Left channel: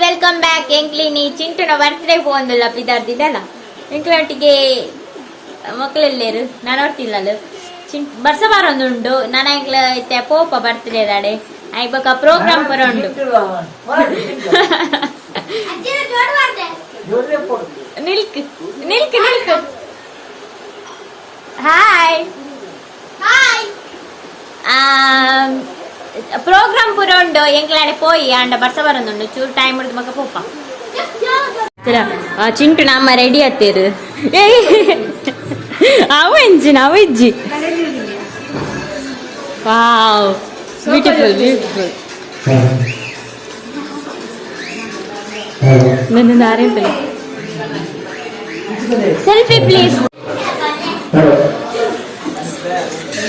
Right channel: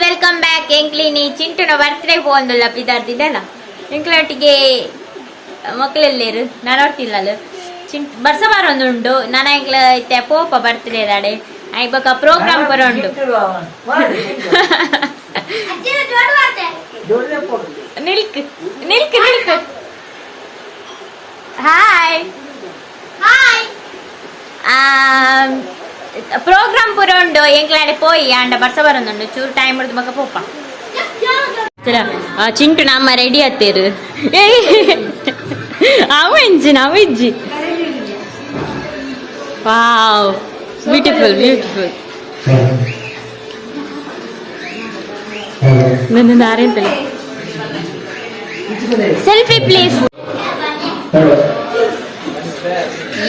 Welcome back. ಎಂಕ್ಲಿನಿ ಚಿಂಟುನ birthday ಹೋಗಂದಲ್ಲ ಪಿದಾರ್ದಿದ್ದಲ್ಲ ಎಂಕ್ಲೊಟ್ಟಿಗೆ ಮಕ್ಕಳೆಲ್ಲೇರು ನಾನು ನೋಡ್ತಿಲ್ಲಲ್ಲ ಚಿಂಟು ಬರ್ಸ ಬಾರೊಂದುಂಡು ನಾನು ಎಂಕ್ಲ ಇತ್ತೆ ಪೋಪ ಬರ್ತ್ಡೇ ದಾಡೆ ಐಬಕ ಪ್ರೋಗ್ರಾಮ್ ಬರೋಂಡು ನಿಲ್ಕ್ ನಿಲ್ಕ್ ನಿಲ್ಕ್ ಹಾಯ್ ಪ್ರೋಗ್ರಾಮ್ ಪುರೋಂಡು ಎಂಕ್ಲಾಡೆ ಪೋಯಿ ಆಂಡ ಬರ್ಸ ಬರೋಂದುಂಡು ಚೂರು ಟೈಮ್ ಹಿಡಿದು ಮಗ ಪೋಪ ಚಿಂಟು ನಮ್ಮ ರೆಡಿ ಆತೇರು ಅವ ಎಂಜಿನ ಅವ ಇಜ್ಜಿ ವಾವ್ ಬ್ಯೂಟಿಫುಲ್ ಬ್ಯೂಟಿಫುಲ್ ನನ್ನ ಆರೆಂತಲ್ಲ ಸೆಲ್ಫಿ ಪ್ಲೀಸ್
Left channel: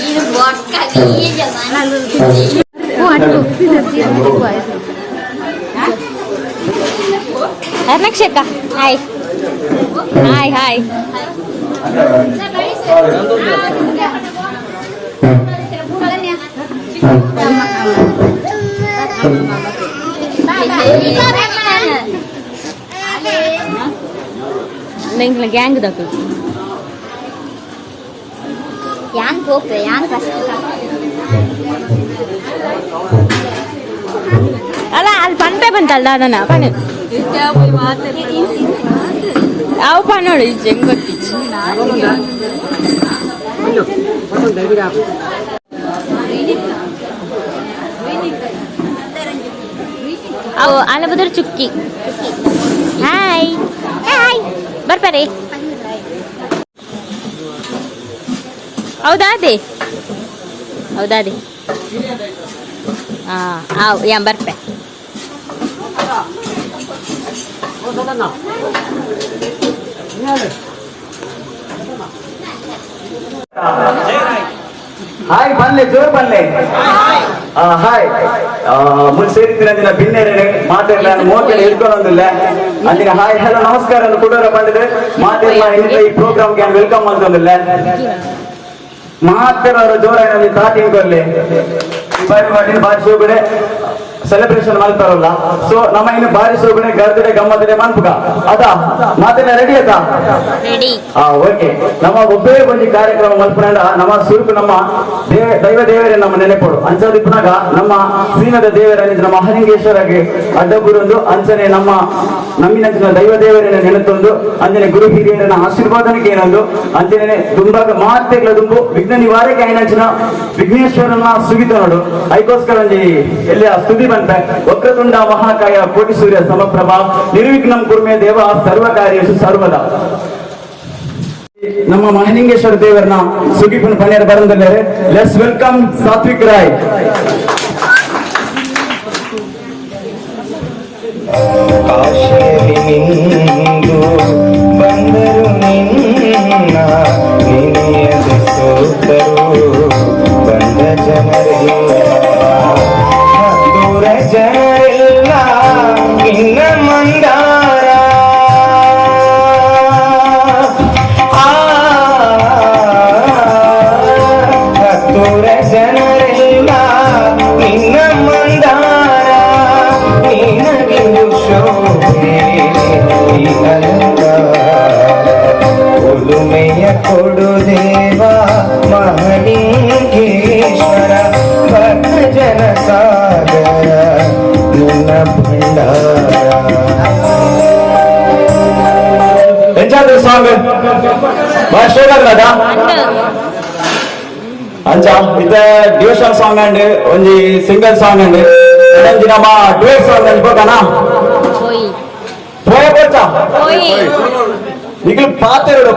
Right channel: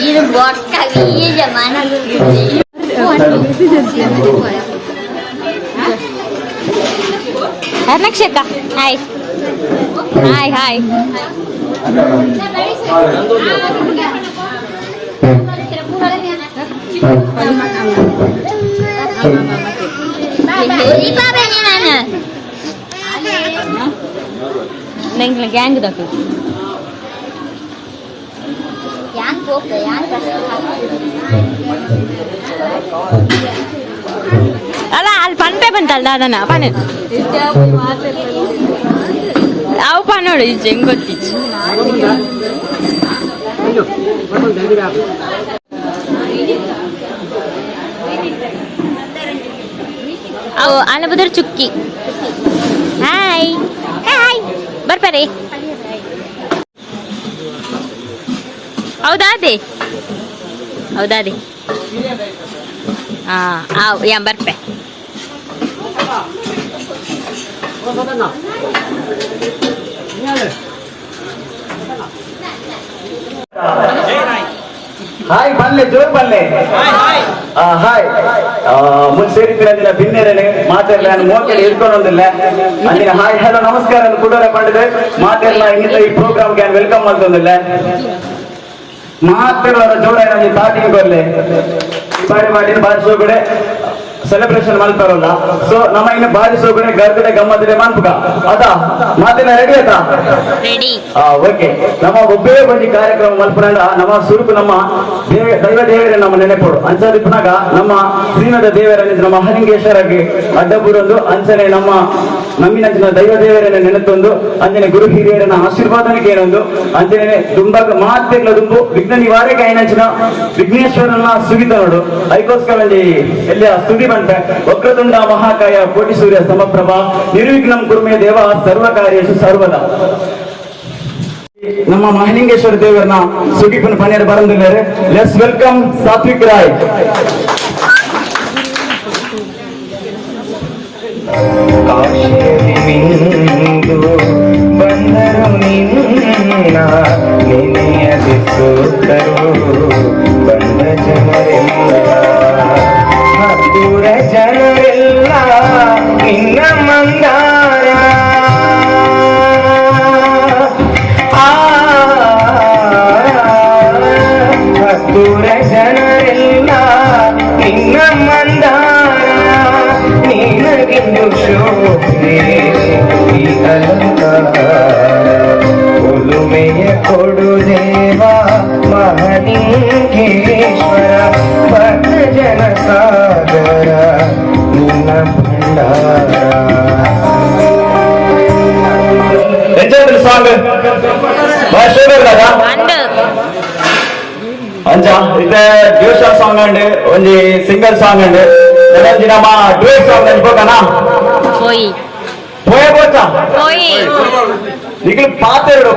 ಇದು ನಕ್ಷಕ ಹಾಯ್ ಹಾಯ್ ಹಾಯ್ ನಂಗೆ ಗ್ಯಾಂಗ್ ದಾಕು ಅಲ್ಲ ಅಲ್ಲಿ ಪನ್ಪೆ ಬಂತಲ್ಲ ಅದನ್ನ ಪನ್ ಅವು ಪನ್ ನೋಡಿ ಹೆಂಗ್ ಗೊತ್ತಿಚ್ಚು ಅವು ಅಲ್ಲ ಬದ್ರ ಚುಕ್ಕಿ ಹಾಯ್ ಹಾಯ್ ಬರ್ಬಾರೆ ಹೌದಾದೆ ಹೌದಾದೆ ಯಾ ಬರ್ಪೆ ಹಾಯ್ ಬಲ್ಲೆ ಜೋರ್ ಬಲ್ಲೆ ಹಾಯ್ ಮುಂದೆ ಸೇರಿದ್ದಿನ ಭಿನ್ನೇರೆ ಮಾತೆಲ್ಲ ಮೋಕೆಲಿ ಇಟ್ಕೊಂಡೊಂದಿಲ್ಲ ಅಂದಿನ ಹಾಯ್ ಹಲೋ ನಮಸ್ಕಾರ ಕುಡೋರ ಪಡೆದು ಮಾತೆಲ್ಲ ಇನ್ನಿತ ಈ ಪ್ರೋಗ್ರಾಮ್ಗೆ ವೆಲ್ಕಮ್ ಮಾಡ್ತಂದಿಲ್ಲ ಮಾತಿರೋರ ಜೋರ ಏನಾದ್ರು ಸ್ಟಾರ್ಟಿಂಗ್ ಬರ್ಲಿ ಬಾರಿ ಮಾಡಿನ ಬಾರಿ ಶೋಗಡೆ ಸೆಲೆಬ್ರೇಷನ್ ಮಲ್ಪರಲ್ಲ ಸೊ ನಮ್ಮ ಇನ್ನು ಬಾರಿ ಶೋಗಡೆ ಗರ್ಗಡೆ ಗಮ್ಮತ್ತಿದೆ ಮನ್ಪುಗ ಅದಾ ಮಾತಿನ ರೆಡಿ ಆಯ್ತಾ ರೆಡಿ ಓಕೆ ನಮ್ಮ ಒಬ್ಬೇ ಬಂದಿ ಕಾರ್ಯಕ್ರಮ ಮಲ್ಪರಂಡ ನಮ್ಮ ಸುರುಕು ನಮ್ಮ ದೈವ ದೇವರೇ ನಮ್ಮ ನೆನೆಪೋಡು ಅಂಚದಿಪ್ಪನಾಗ ನಮ್ಮ ಶ್ರೀಮದ ದೇವರ ನಮ್ಮ ಹರಿಂಗೇಶ್ವರಗೆ ಅಡ್ಡಪುರೊಂದು ಅಂಚನೆ ನಮ್ಮ ನಮ್ಮಿನ ದೈವ ದೇವರನ್ನ ನೆನೆತೊಂದು ಅಂಜನೆ ಗುರು ಹಿರಿಯರನ್ನ ಆಶೀರ್ವಾದನಕ್ಕೆ ಏನೊಂದು ಅಂಜನೆ ದುಂಬಾಗ ಮಾತೆಗಳ ದುಂಬು ವಿಘ್ನ ನಿವಾರಕ್ಕೆ ಐನಂಚಿನ ವಿಘ್ನೇಶ್ವರನ್ನ ಸುಗಿತ ನೋಡು ಅದಕ್ಕೋಸ್ಕರ ಎಲ್ಲಿ ಸ್ತುತಿ ಬಂತೆ ವಕ್ರತುಂಡ ಮಹಾಕಾಯ ಕೋಟಿ ಸೂರ್ಯ ಸಮಪ್ರಭ ನಿರ್ವಿಘ್ನಂ ಕುರ್ಮೆ ದೇವ ಸರ್ವಕಾರ್ಯೇಷು ಸರ್ವದ ನಮ್ಮ ಮಹಲಿಂಗೇಶ್ವರ ದೇವರನ್ನ ಸುಗಿಪನ ಪನ್ಯರ ಬರಂದಿದ್ದಾರೆ. Let's welcome Sathvik Rai. ಬಂದರು ನಿನ್ನ ನಿನೆಯದೆ ಸೋತರು ಬಂದ ಜನರೆಲ್ಲ ದೂರ ಜನರೆಲ್ಲ ಇನ್ನ ಮಂದಾರ ದೂರ ಜನರೆಲ್ಲ ಇನ್ನ ಮಂದಾರ ನಿನಗಿಂದು ಶೋಭೆ ಈ ಅಲಂಕಾರ ಒಲುಮೆಯ ಕೊಡು ದೇವ ಮಹಲಿಂಗೇಶ್ವರ ಭಕ್ತ ಜನ ಸಾಗರ ನಿನ್ನ ಭಂಡಾರ. ಎಂಚಾದ್ರು ಸಾಂಗ್ ಅಂಚ ಇತ್ತೆ ಡ್ಯೂಷ ಸಾಂಗ್ ಅಂಡ್ ಒಂಜಿ ಸಿಂಗಲ್ ಸಾಂಗ್ ಅಂಡ್ ಒಂಜಿ ನಮ್ಮ ಡ್ಯೂಯೆಟ್ ಸಾಂಗ್ ಅನ್ಕೋಕನ ಹೋಯ್ పోయే పోచా ಹೋಯ್ ನಿಗಲು ಪಾತೆರಡು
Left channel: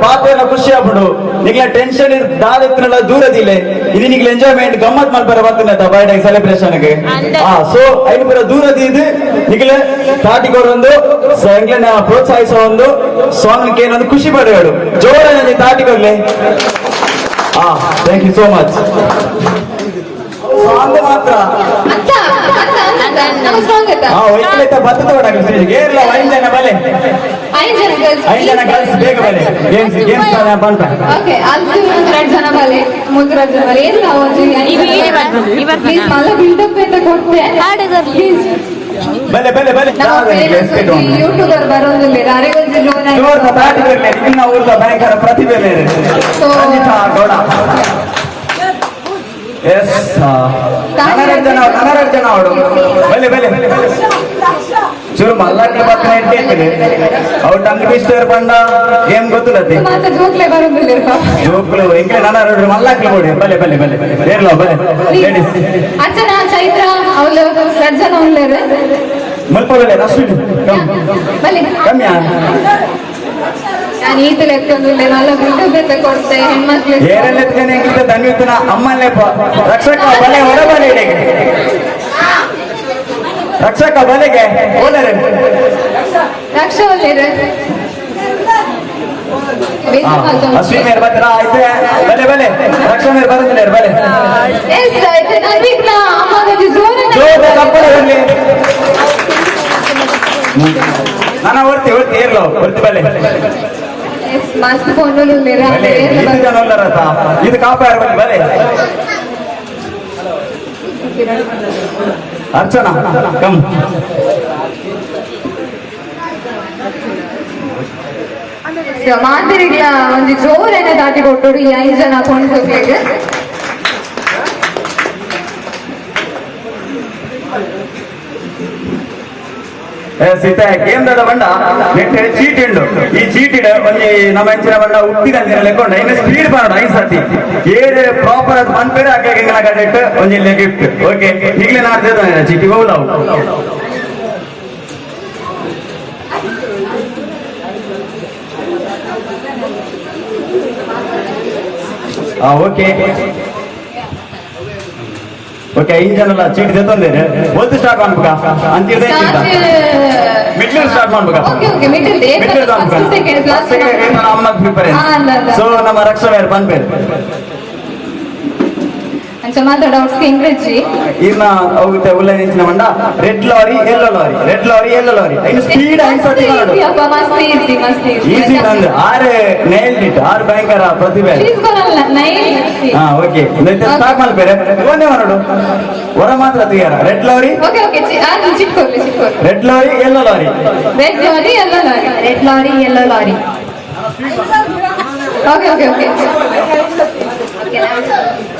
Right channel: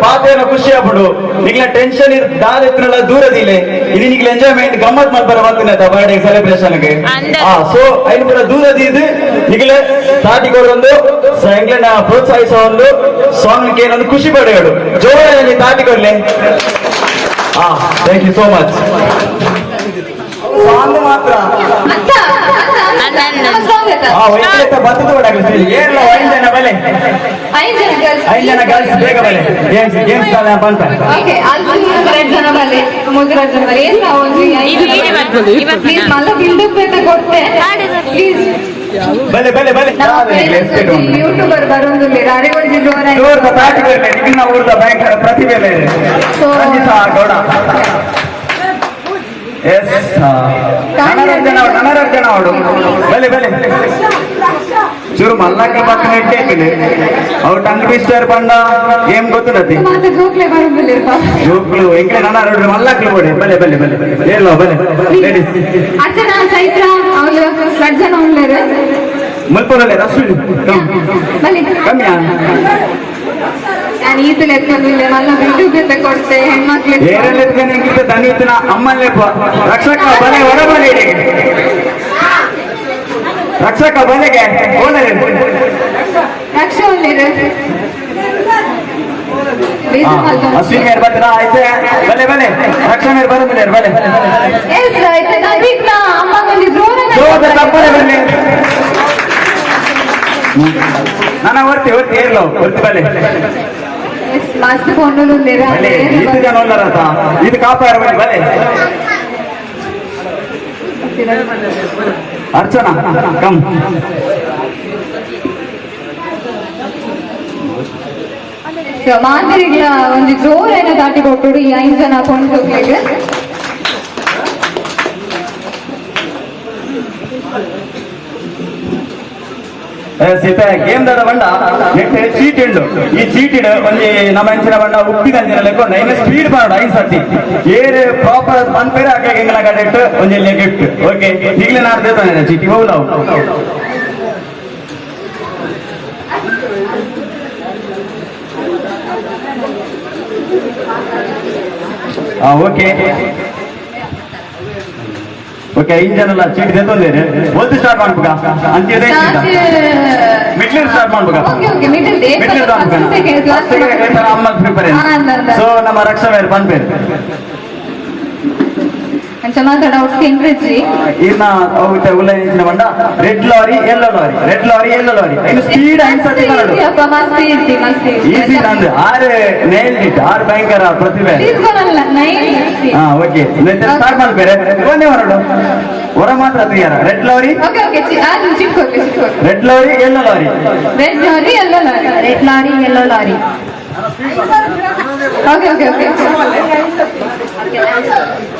ಖುಷಿ ಆಗ್ಬಿಡು ನಿಗಲ ಟೆನ್ಷನ್ ದಾದೆತ್ತಿನ ದೂರದಿಲ್ಲ ಇದು ನಿಗಲ ಎಂಜಾಯ್ಮೆಂಟ್ ಗಮ್ಮತ್ ಮಲ್ಪರ ಬರ್ತೀನಿ ಆಯ್ತಾ ಬರ್ಡೇ ಸೆಲೆಬ್ರೇಷನ್ಗೆ ಸೊ ಐದು ಪುರ ದೂರದಿ ಇದು ನಿಗಲ ತಾಟಿಕೊಡೊಂದು ಎಂಗ್ಲನ್ನ ಪ್ರೋತ್ಸಾಹಿಸೋ ಒಂದು ಸಾಂಗ್ ಏನೊಂದು ಖುಷಿ ಪಡೆಯೋಡು ಜೋರ ನೀ ತಾಟಿಕೊಡ್ಲಿ. Thank you so much. Song ಮಾತ್ರ ನನ್ನ ಬರ್ತದ ಏನಿಲ್ಲ ಐದು ಜನ ಬಲೆ 5 ಜನ ಗರ್ಲ್ಸ್ ಬೇಗ ಬಲೆ ಗೇಮ್ಸ್ ಬಂತ ಬಲೆ ಬಲೆ ಬಲೆ ಯೂಟ್ಯೂಬರ್ ಬರೋದಿಲ್ಲ ನಿನ್ನ ಊರದ ಭಯಂಕರ ಪ್ರತಿಭೆ ಗೌಡ ಎಸ್ ನನರಂಜನ ಅವಳು ಬಲೆ ಬಲೆ ಚೂರು ಮಲ್ಲಾಕ್ಲ ಪಕ್ಕನ ಇಟ್ಟೇಕಿದೆ ಅವು ಟಂಗ್ ಪಿಸ್ಟರ್ ಬಂದ ಏನ್ ಗೊತ್ತಿಲ್ಲತ್ತೆ ಜೋಕ್ಳು ಎಂಕೆ ನನ್ನ ಮಲ್ಲಾಕ್ಲು ಕೊಡಿ ಬಲೆ ಬಲೆ ಬಲೆ ಏನು ಬಲೆ ಲೇಡೀಸ್ ಅರ್ಚನಾ ಚೈತ್ರ ಅವಳು ಅರ್ಜನ ಮಲ್ಪುರಲ್ಲೇ ಅಷ್ಟು ಕಮ್ಮಿ ನಾನು ಈತಲು ಎತ್ಕೊಂಡಿಲ್ಲ ಮಲ್ಲ ಬಿಟ್ಟು ಕೊಡ್ತೆ ಹೆಣ್ಮಕ್ಳು ಏರಲ್ಲೆತ್ಕೊಂಡೆ ಹೆಂಗಿದ್ದ ದನಿತನ ಅಮ್ಮಲ್ಲೇ ರಕ್ಷಕ ಬಲೆ ಹೊರಮನೆಗೆ ರಕ್ಷಕ ಬಲೆಗೆ ರಕ್ಷಾ ಒಳ್ಳೆಯ ಅಶ್ವಿನಿ ಯಾರು ಬರ್ತೀರಾ ಆಯ್ತೆ ಬಲೆ ಬಲೆ ರಕ್ಷಾ ಮೇರು ಬರುದಿಲ್ಲ ಬಲೆ ಜೋರ ತಪ್ಪಲೆ ಬರಲಿ ನನ್ನ ಹೊರ್ತಿ ಏರ್ಲೋ ಹೊರ್ತಿ ಬಲೆ ಲಾಸ್ಟ್ ಫೋನ್ ಇದು ಜನ ಉಳ್ಳಾರತ ಇದು ಕಾಪಾಡ ಬಲೆ ಬಲೆ ಅರ್ಚನಾ ಕಮ್ ಮಾತರಿಗಳ ಒಂದು ಜೋರೈನ ದಾಟಿ ಕೊಟ್ಟು ಈ 5 ಜನ ಕೊಂಡ್ಕೋಗ್ಲಿಕ್ಕೆ ಸೀತಾ ಗೇಮ್ ದಾದ ಬಂಡ ನೆಟ್ಟೆ ಚೀಟ್ ಉಂಡು ಈ ಚೀಟಿಡ್ ಒಂದು ನಮ್ಮ ಹೆಂಚಿನ ಬಂಡ ಉತ್ತಿಗಂಜಿನ ಲೆಕ್ಕೊಂಡ ಇನ್ನು ಸ್ಪೀಡ್ ಮಾಡು 5 ಸರ್ತಿ ಏದು ಪ್ರಾಪರ್ ಅದು ಮನ್ಪೇರೆ ಹಾಕಿ ಹೆಂಗನ ಕಟ್ಟಿಟ್ಟು ಒಂದು ಇಲ್ಲಿ ಗಿಫ್ಟ್ ಓಕೆ ಈಗಲೇ ನಾನು ದೇತಾನೆ ಚೀಟಿ ಹೋಗುದು ಓಕೆ ಓಕೆ 5 ಜನ ಚೀಟಿ ತೆತ್ತಂದೇನೆ ಒಂದು ಸ್ಟಾರ್ಟ್ ಮಾಡ್ಬೇಕ ಅಂತಿದೆ ಮಿಡ್ಲ್ ಸ್ಟಾರ್ಟ್ ಮಾಡ್ಬೇಕ ಅಮ್ಮ ಪ್ರಿಪೇರ್ ಸೊ ನಮ್ಮ ರಕ್ಷಾ ಮೇರ್ ಬಂದ್ಬೇರು ಮಾತಾಡ ಇಂಗ್ರೇಜಿ ಇನ್ನ ಹೋಗುತ್ತೆ ಉಲ್ಲಂಘಿಸಿನ ಬಂಡ ರೆಡ್ ಲಾರಿ ಎಲ್ಲೋ ಲಾರಿ ಇನ್ನು ಸ್ಪೀಡ್ ಅನ್ಸತ್ತೆ ಈಸಿ ನಂದು 6 ನೈಲ್ ಇಟ್ 6 ಭಯಂಕರ ಪ್ರತಿಭೆ ಹಾ ಓಕೆ ಸ್ಟಾರ್ಟ್ ಮಾಡ್ಬೇರೆ ಒಂದೇ ಹೊರಡು ಹೊರ ಮಾತ್ರ ತೆಗಿಯಾರ ರೆಡ್ ಲಾರಿ ಎಲ್ಲೋ ಲಾರಿ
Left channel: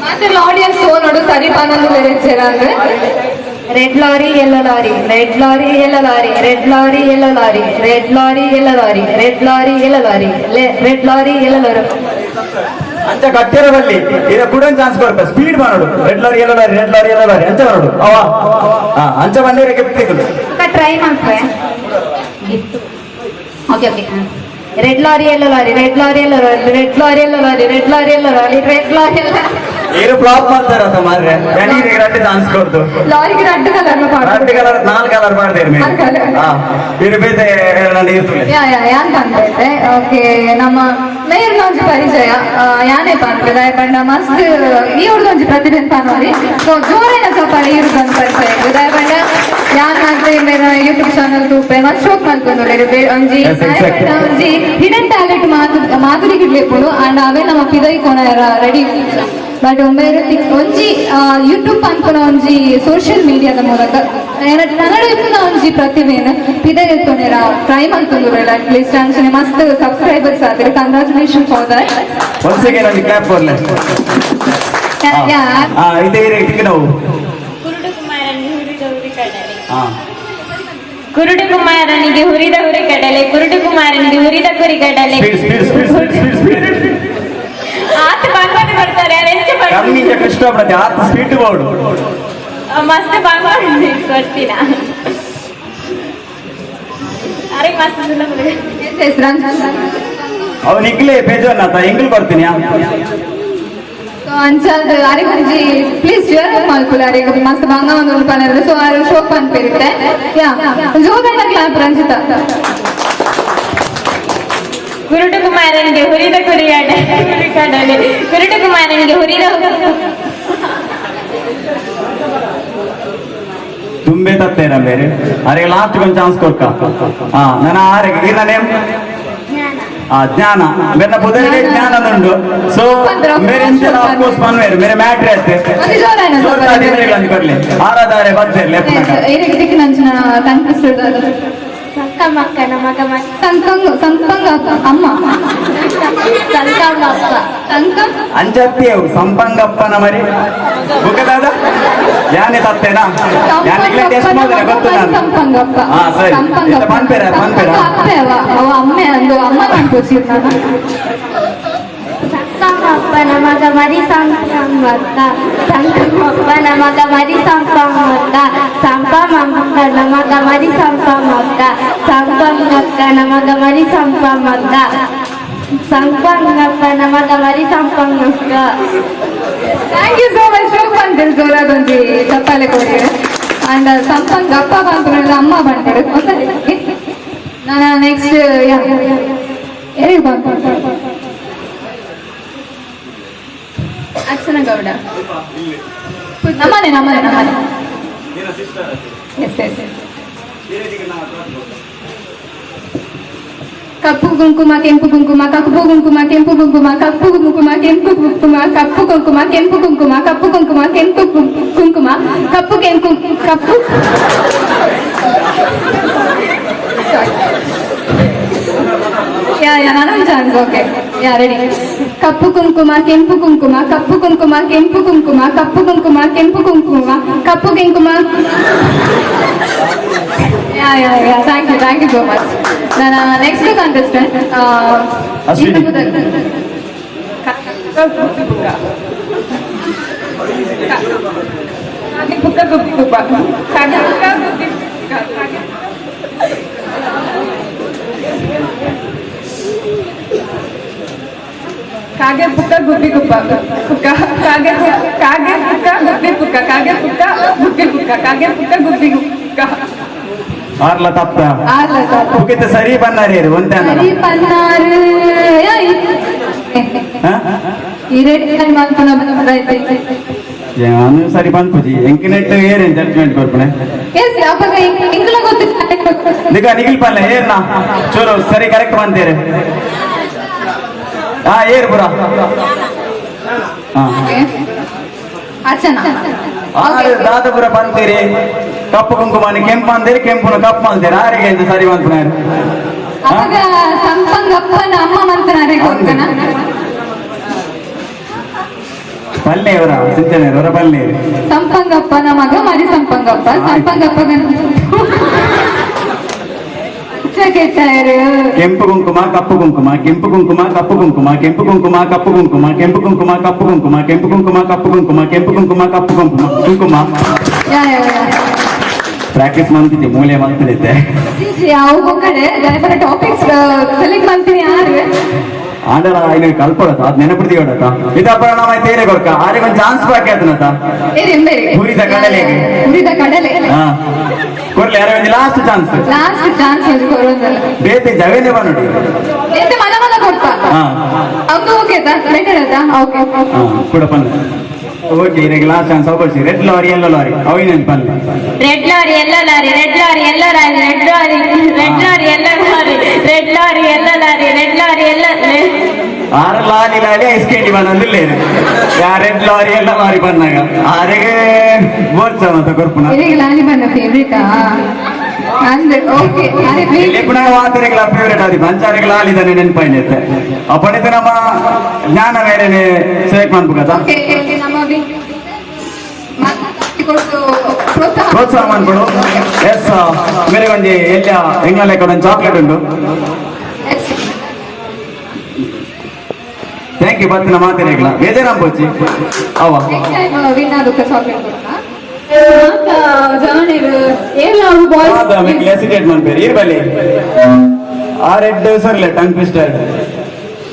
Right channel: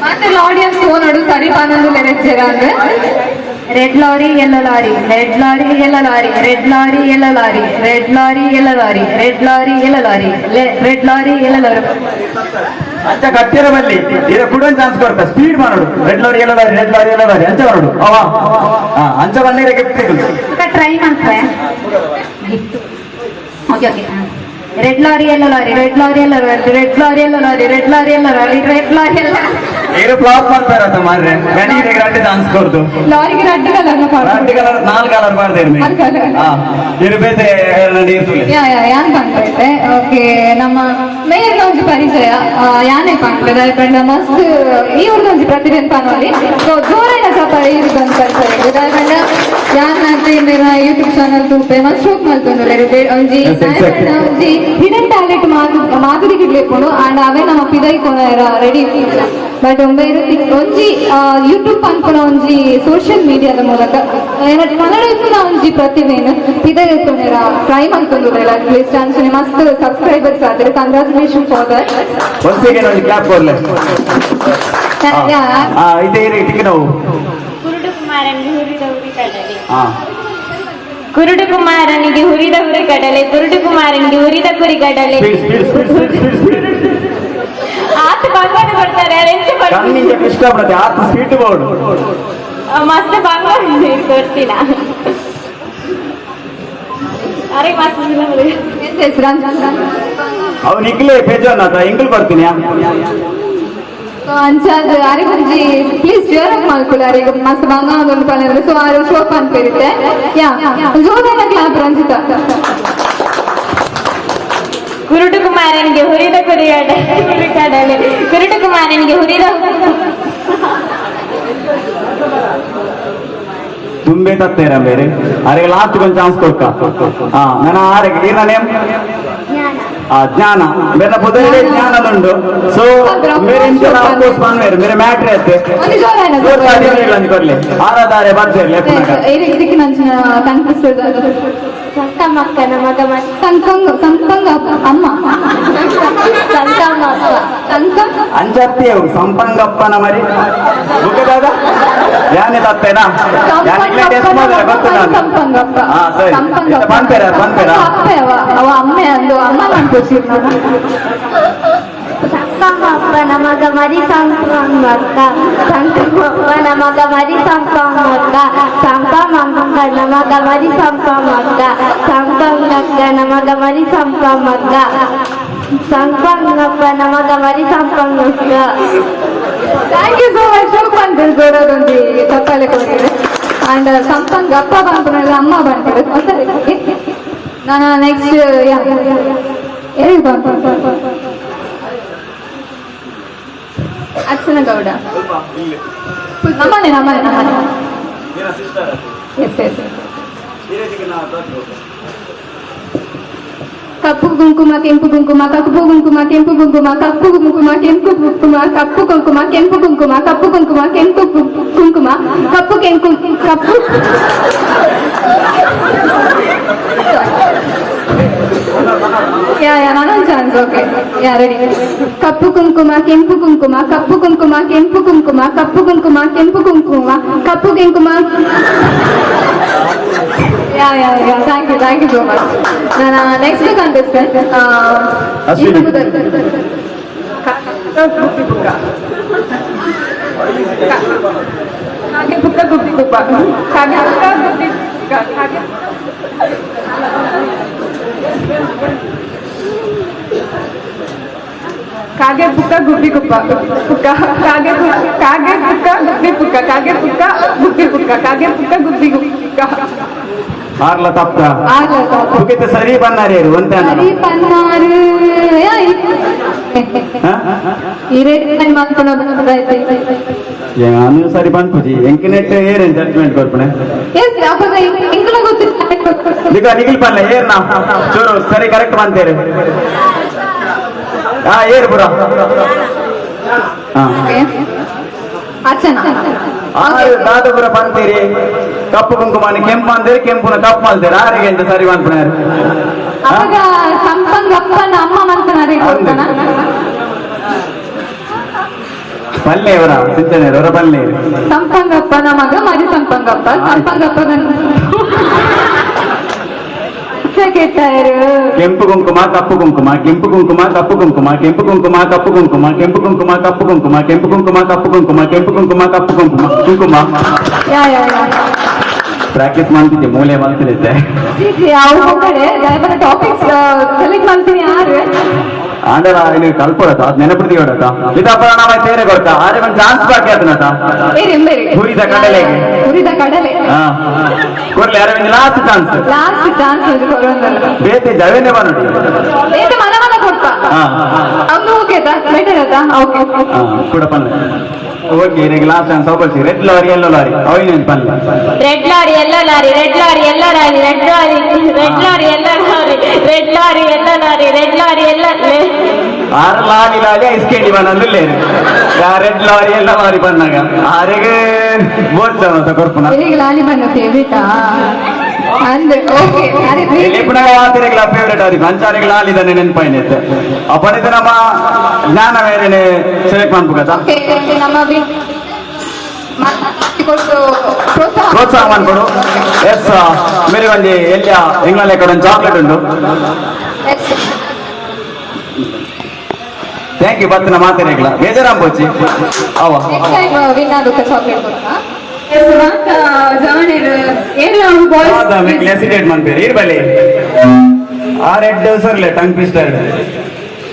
ಮಾತೆಲ್ಲ ಆಡಿಯನ್ಸ್ ನೋಡು ಸರಿ ಪಾನಂದು red lorry yellow lorry red lorry yellow lorry red lorry yellow lorry red lorry yellow lorry red lorry yellow lorry red lorry yellow lorry ಅಂಚ ಕಟ್ಟಿರದಲ್ಲಿ ಇದು ಕೂಡ ಚಾನ್ಸ್ ಕೊಡ್ತಾರೆ ಸ್ಪೀಡ್ ಮಾಡೋದು red lorry yellow lorry ಅಂಚ ಮಾಡೋದು ಅಂಚ ಬಂದಿರ ಗಿಫ್ಟ್ ತೆಗೆದು ಟ್ರೈ ಮಾಡ್ತಾರೆ okay okay red lorry yellow lorry red lorry yellow lorry red lorry yellow lorry red lorry yellow lorry red lorry ಎಲ್ಲ ಇದು ಫ್ಲಾಪ್ ಮಾಡ್ತಾರಂತ ಮಾರ್ರೆ ಗಣಿಗೆ ರೆಡ್ ಚಾನ್ಸ್ ಕೊಡ್ತು ಲಾರಿಗೆ red colour red colour 4 colour ಮಾಡ್ತೇವೆ ಇರ್ಬೇತೆ ಯಾಂತ ಓಕೆ ನಮ್ಮ ಮೇಯರ್ನ ಒಂಜಿ ಪರಿಚಯ ಯಾನೇಪ ಅಂತ ಮಸ್ತ್ ಈ ಒಂಜಿ ಪ್ರತಿಭೆ ಅಂತ ನೋಡಿ ಜೋರಿನ ಸಫರ ಇರುದಂತ ಪರಿಚಯ ಇದಾಗಣ್ಣ ಯಾನ್ ಅಂತ ಯೂಟ್ಯೂಬ್ ಚಾನಲ್ ತೂಪೆ ಮಸ್ತ್ ಶೋಕ್ ಮಾಡ್ಕೊಂಡು ಒಂಜಿ ಹಿಡನ್ ಟ್ಯಾಲೆಂಟ್ ಮಾಧುರಿಗೆ ಇರ್ಲಿಪ್ಪುಂಡು ಅಂಡ್ ಅವೇ ನಮ್ಮ ಪಿದೈ ಕೊನ ರೆಡಿ ಬಟ್ ಒಂಜಿ ಯೂಟ್ಯೂಬ್ ಅನ್ಕೊನ ಒಂಜಿ ಸೋಷಿಯಲ್ ಮೀಡಿಯಾದ ಮೂಲಕ ನನಗೆ ಇಪ್ಪುನ ಒಂಜಿ ಪ್ರತಿಭೆಯನ್ನು ಪಿದೈ ಕೊನೆರ ಟ್ರೈ ಮಾಡ್ಕೊಂಡು ಅಟ್ಲೀಸ್ಟ್ ಅಂಚನೆ ಮಸ್ತ್ ಸಬ್ಸ್ಕ್ರೈಬರ್ಸ್ ಆದ್ರೆ congratulation for that once again on the clap for less ಇದೆ ಟಿಕೆಟ್ ನಾವು ಕುರುಡು ಕುಮಾರನಿಗೆ ಹುರಿದ ಹುರಿ ಕಡಲೆ ಕುರುಡು ಕುಮಾರನಿಗೆ ಹುರಿದ ಕುರಿ ಕಡಲೆ ಆತ ಬಾಂಗ್ವಾಡ ಬರ್ತಾರೆ ಕಣ್ಣಿಂದ ಕೃಷ್ಣ ಬರುತ್ತೆ ಆತ ಸ್ಪೀಡ್ ಬೋರ್ಡ್ ಮಸ್ತ್ ಬಾಂಗ್ವಾಡ ಗೊತ್ತಿಲ್ಲ ಅರೆ ಮಸ್ತ್ ಅವನ್ ಇಗ್ಲೇ ಬೇಜಾರ್ನಾಥ ಇಂಗ್ಲ್ ಬರ್ತೀನಿ ಅಂಚಾದ ಅರಿಗುಂಜಿ ಪ್ಲೀಸ್ ಜ್ವರ ಮಲ್ಪುಲ ಅರಿಗುಂಜಿ ಮಸ್ತ್ ಬಂಗ ಒಂದು ಕಲರ್ ಸೊ ಆರು ಶೋಪ್ ಅನ್ಪೇರಿತ್ತೆ ಯಾ ಜೋದನ ಕ್ಲಾಪ್ ರಂಜಿತ ಕುರುಡು ಕುಮಾರನಿಗೆ ಹುರಿದ ಕುರಿ ಕಡಲೆ ಕುರುಡು ಕುಮಾರನಿಗೆ ಹುರಿದ ತುಂಬೆ ತತ್ತೇರ ಬೇರೆ ಅರೆ ಲಾಸ್ಟ್ ಒಂದು ಚಾನ್ಸ್ ಕೊಡ್ಕ ಹಾ ನನ್ನ ಆರೆಗೆ ಇನ್ನ ನೇಮ್ ಜ್ಞಾನ मेरा पुदर ज्ञान अनुंडु सो मेरे इंटर ऑफ कोर्स मान मेरे मैटर रहते जोर ताली बरेगला करले आराधारे बर्ते लेफ्ट ಇದಕ್ಕೆ ನಂಚಿನ ಕನ್ಫ್ಯೂಸ್ ಸಂಕಮಕ್ಕ ನಮಗ ಸಂಪಂಗ ಅಮ್ಮ ಸಂಕಮಕ್ಕ ಅಂಜತ್ತಿ ಅವು ಸಂಪಂಗಪ್ಪನ ಮರಿ ಬುಕ್ಕದಾದ ಯಾನೆ ತತ್ತೇನಾ ಯಾನೆ ಟೆಸ್ಟ್ ಮಾಡಿದ್ರೆ ಗೊತ್ತು ನಾನು ಸಂಪಂಗಪ್ಪ ಹಾ ಸರಿ ಬಂತೇರ ಅಪ್ಪೆ ಅವ ಅಮ್ಮೆ ಅಂದು ಅಮ್ಮ ಅನ್ಕೋಸಿರ್ ನಾನು ಸಂಕಮಪ್ಪ ನಮಗ ಮರಿ ಸಂಕಮಕ್ಕ ಸಂಕಮಪ್ಪ ನಮಗ ಮರಿ ಸಂಕಮಕ್ಕ ಸಂಕಮಕ್ಕ ನಮಗ ಮರಿ ಸಂಕಮಕ್ಕ ಸಂಕಮಕ್ಕ ನಮಗ ಮರಿ ಸಂಕಮಕ್ಕ ಸಂಕಮಕ್ಕ ನಮಗ ಮರಿ ಸಂಕಮಕ್ಕ ಥ್ಯಾಂಕ್ ಯು ಸೋ ಮಚ್ ಬಂದಿದ್ದು ಜೋರದೊಂದು ಕಪ್ಪಲೆ ಕೊಡ್ತೀವಿ ಅಂಡ್ ಸಂಪಂಗ್ ಅಪ್ಪ ಬಂದ್ಬಿಡಲ್ಲ ಅಮ್ಮ ಬಂದ್ಬಿಡು ನಾನು ನೆಕ್ಸ್ಟ್ ಹೇಳಿ ಅರ್ಚನ ಗೌಡ ನಮ್ಮನೆ ಕಪ್ಪು ಕುಂಕುಮ ಕೆಂಪು ಕುಂಕುಮ ಕಪ್ಪು ಕುಂಕುಮ ಕೆಂಪು ಕುಂಕುಮ ಕಪ್ಪು ಕುಂಕುಮ ಕೆಂಪು ಕುಂಕುಮ ಕಪ್ಪು ಕುಂಕುಮ ಕೆಂಪು ಕುಂಕುಮ ಕಪ್ಪು ಕುಂಕುಮ ಕೆಂಪು ಕುಂಕುಮ ಕಪ್ಪು ಕೆಂಪು ಕಪ್ಪು ನಾನೊಂದು ಚಾನ್ಸ್ ಓಕೆ ರೆಡಿ ಕಪ್ಪು ಕುಂಕುಮ ಕೆಂಪು ಕುಂಕುಮ ಕಪ್ಪು ಕುಂಕುಮ ಕೆಂಪು ಕುಂಕುಮ ಕಪ್ಪು ಕುಂಕುಮ ಕೆಂಪು ಕುಂಕುಮ ಕಪ್ಪು ಕುಂಕುಮ ಥ್ಯಾಂಕ್ ಯು ಸೋ ಮಚ್ ನನ್ನ ನೆಕ್ಸ್ಟ್ ಕಂಟೆಸ್ಟೆಂಟ್ ಕಾಗೆ ಪುಕ್ಕ ಗುಬ್ಬಿ ಗುಬ್ಬ ಪುಕ್ಕ ಕಾಗೆ ಪುಕ್ಕ ಗುಬ್ಬಿ ಪುಕ್ಕ ಕಾಗೆ ಪುಕ್ಕ ಗುಬ್ಬಿ ಪುಕ್ಕ ಕಾಗೆ ಪುಕ್ಕ ಗುಬ್ಬಿ ಗುಕ್ಕ ಆರ್ಲ ತಪ್ಪ ಮುಗಿತ ಸರಿ ಬನ್ನಾರೇರು ಒಂದೇ ಸರಿ ಬನ್ನಾರು ಈ ರೇಟ್ ಮಾಡ್ಕೊಂಡು ಬಂದೈತೆ ನಾನು ಸರಿ ಬಂದ್ಪುಜಿ ಎಂಕಿನೆಟ್ ಏರೇನು ಜಡ್ಜ್ಮೆಂಟ್ ಕೊಡ್ಪಣೆ ಎಸ್ ಅವಾಗ ಇಂಗ್ಲ ಗೊತ್ತಿಲ್ಲ ನಿಗ ನಿಗಿಲ್ ಪಲ್ಲೆ ಏರ್ ನಾ ಚೂರು ಸರಿ ಕರೆಕ್ಟ್ ಬಂತೇರೆ ಹಾ ಏರು ಪುರ ಅರ್ಚನಾ ದಾದಪುರ ಬಂತೀರಿ ಕಪ್ಪು ಕುಂಕುಮನ ಕೆಂಪು ಅಂದೇರಿ ಕೆಂಪುನ ಕಪ್ಪು ಅಂದೇರಿ ಆರಿಗೆ ಅಂತ ಸರಿ ಬಂತನಾರು ಅವಾಗ ಸಂಪಂಗಪ್ಪನ ಅಮ್ಮ ಮಾಡ್ತಾನೆ ಗೊತ್ತನ ಪಲ್ಲೆಯವರ ಸಿಂಚನೆಯವರ ಪಲ್ಲೆ ಸಂಪಂಗಪ್ಪನ ಮಗ ಮರಿ ಸಂಪಂಗಪ್ಪ ಕೆಂಪು ಕುಂಕುಮ ಕಪ್ಪು ಕುಂಕುಮ ಕೆಂಪು ಕುಂಕುಮ ಕಪ್ಪು ಕುಂಕುಮ ಕೆಂಪು ಕುಂಕುಮ ಕಪ್ಪು ಕುಂಕುಮ ಕೆಂಪು ಕುಂಕುಮ ಕಪ್ಪು ಕುಂಕುಮ ಕೆಂಪು ಕುಂಕುಮ ಕಪ್ಪು ಕುಂಕುಮ ಕೆಂಪು ಕುಂಕುಮ ಕಪ್ಪು ಕುಂಕುಮ ಕುಂಕುಮ ಪ್ರಾಕ್ಟೀಸ್ ಮಾಡ್ತಿದ್ದೆ ಮೂಲೆ ಮಾಡ್ತಿದ್ದೆ ಅವ್ರ ಕಡೆ ಟಾಪಿಕ್ಸ್ ಸೆಲೆಕ್ಟ್ ಮಾಡ್ತೀನಿ ಯಾರು ಆಂಡಲ ಇಲ್ಲಿ ಕಲ್ಪೊಳತ ಅದ್ ನೆನಪಿಡ್ತಿ ಹೊಡತ ಇದಪ್ಪ ನಾವ ತೇರೆ ಕೊಡ್ಕ ಆದ್ರೆ ಒಂದು ಚಾನ್ಸ್ ಬಾಕಿ ಆತನತ ಹುರಿದ ಕಡಲೆಗೆ ಹಾ ಕೊಡ್ಲಿ ಯಾರ ಒಂದು ಲಾಸ್ಟ್ ಚಾನ್ಸ್ ಬೇತೆ ಜವೇಂದ್ರ ನೋಡಿ ಕೂಡ ಪನ್ನ ಓಕೆ ಈಗ ಲಾಸ್ಟ್ ಚಾನ್ಸ್ ಅವಕಾಶ ರೆಡ್ ಲಾರಿ ಎಲ್ಲೋ ಲಾರಿ ಅವಿನ ಪನ್ನ ರೆಡ್ ಲಾರಿ ಎಲ್ಲ ಲಾರಿ ರೆಡ್ ಲಾರಿ ಎಲ್ಲ lorry red lorry red lorry ಎಲ್ಲ ಲಾರಿ ರೆಡ್ ಲಾರಿ ಎಲ್ಲ ಲಾರಿ ರೆಡ್ ಲಾರಿ ಎಲ್ಲ ಆರು ಲಾರಿ ಐಸ್ಕೇಟಿ ಬಂದ್ರೆ ರೆಡ್ ಲಾರಿ ಎಲ್ಲ ಲಾರಿ ಬಂದಾಗ ಆರಿಗೆ ಬೋರ್ಚನ ಅಂತ ಕೊರ್ಪುಣ ಲಾರಿ ಬಣ್ಣ ಫೇವ್ರೇಟಾ ಅಂದ್ರೆ ಓಕೆ ಪುನಃ ವಾತಿರೆಗಳ ಫೇವ್ರೇಟ್ ಆದಿ ಅಂಚಾರಿಗೆ ಲಾಲಿದಾನೆ ನೆನಪಾಯ್ನೈತೆ ಅಪ್ಪನಿದ ನಮ್ಮ ಜ್ಞಾನ ಮೇರೆನೆ ಸೆಲೆಕ್ಟ್ ಮಾಡ್ಬೇಕದ ಪ್ರೋತ್ಸಾಹ ಮಾಡ್ಕೊಡು ಎಸ್ ಮೇರೆ ಒಂದು ಎಲ್ಲ ಎಂಗ್ಲೇ ಕಡೆ ಒಂದು ಚಾಕ್ಲೇಟ್ ಉಂಟು ಥ್ಯಾಂಕ್ ಯು ಬತ್ತಿನ ಮಾತಿರೆಗಳ ಬೇಜಾರಾಮ್ ಪೋಚಿ ಅವ ಹಸಿಟೇಟ್ ಮಾಡ್ಬೇಡಿ ಇರ್ಬಲ್ಲಿ ಆ ರೆಡ್ ಸರ್ಲೆ ಟಂಗ್ ಟ್ವಿಸ್ಟರ್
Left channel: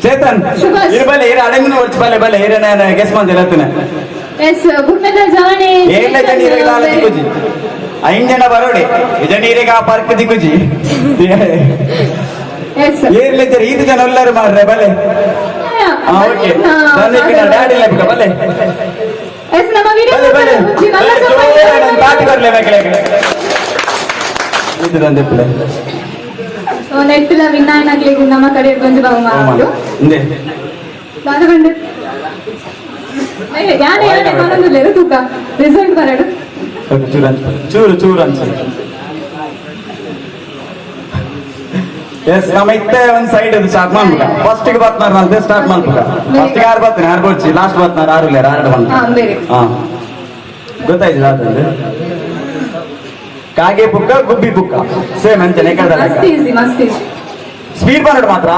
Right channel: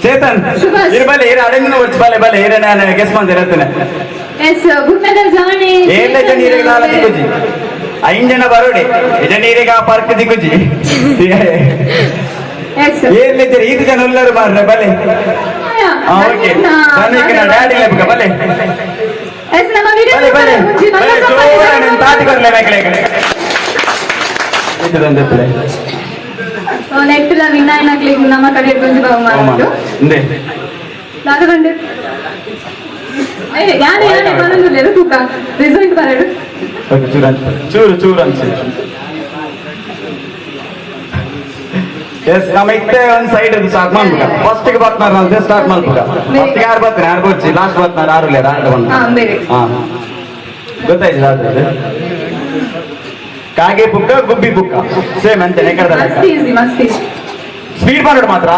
ಚೇತನ್ ಇರ್ಬಲ್ಲಿ ಇರ ಅಡಮಿನ ಹೊರ್ಚು ಬಲೆ ಬಲೆ ಇರ ನಾನು ಗೆಸ್ ಮಾಡ್ತೀನಿ ಹೇಳ್ತೇನೆ ಏನ ಜನೀರಿಗೆ ಆಲತಿ ಕುಜಿ ಐಂಜನ ಬರೋಡಿ ಜನೀರಿಗೆ ಆ ಪಾರ್ಕ್ ದಿಗುಜಿ ಏರ್ಲಿದ್ದಾರೆ ಈದು ಜನ ಎಲ್ಲರೂ ಮಾಡ್ರೆ ಬಲೆ ಓಕೆ ಡ್ಯಾಡಿ ಲೆಕ್ಕ ಬಲೆ ಎಸ್ ನಮ್ಮ ವಿಡಿಯೋ ಬನ್ನಿ ತಾಟಿ ಬರ್ಲೇ ನೆಕ್ಸ್ಟ್ ವಿನಾಯನ ಆಗ್ಲಿಕ್ಕೆ ನಮ್ಮ ಕಡೆ ಗೊಂಜಿ ಬಹುಮಾನ ಉಂಟು ದಾರುಗಂಡು ಯಾರು ಯಾರೇ ಬರೋದಿಲ್ಲ ತೂಕ ರಿಸಲ್ಟ್ ಬರಡು ಚೂರು ಚೂರು ಅನ್ಸಿ ಎಸ್ ನಮ್ಮ ಇತ್ತೆ ಒಂದ್ ಸೈಡ್ ಸ್ಟಾರ್ಟ್ ಮಾಡ್ಬೇಕ ಫಸ್ಟ್ ಗೆ ಬರ್ತಾರ ನಾವು ಸ್ಟಾರ್ಟ್ ಮಾಡ್ಬೇಕ ಫಸ್ಟ್ ಯಾರು ಬರ್ತೀನಿ ಯಾರು ಬರ್ಚಿ ಲಾಸ್ಟ್ ಬರ್ತಾರ ಯಾರು ಇಲ್ಲ ಯಾರು ಬಂದ ಹಾ ಗೊತ್ತಾಯ್ತು ಕಾಗೆ ಬುಕ್ಕ ಗುಬ್ಬಿ ಬುಕ್ಕ ಸೇಮ್ ಅಂತಾನೆ ಮಸ್ತ್ ಈಸಿ ಮಸ್ತ್ ಈಸಿ ಸ್ಪೀಡ್ ಮಾಡೋದು ಮಾತ್ರ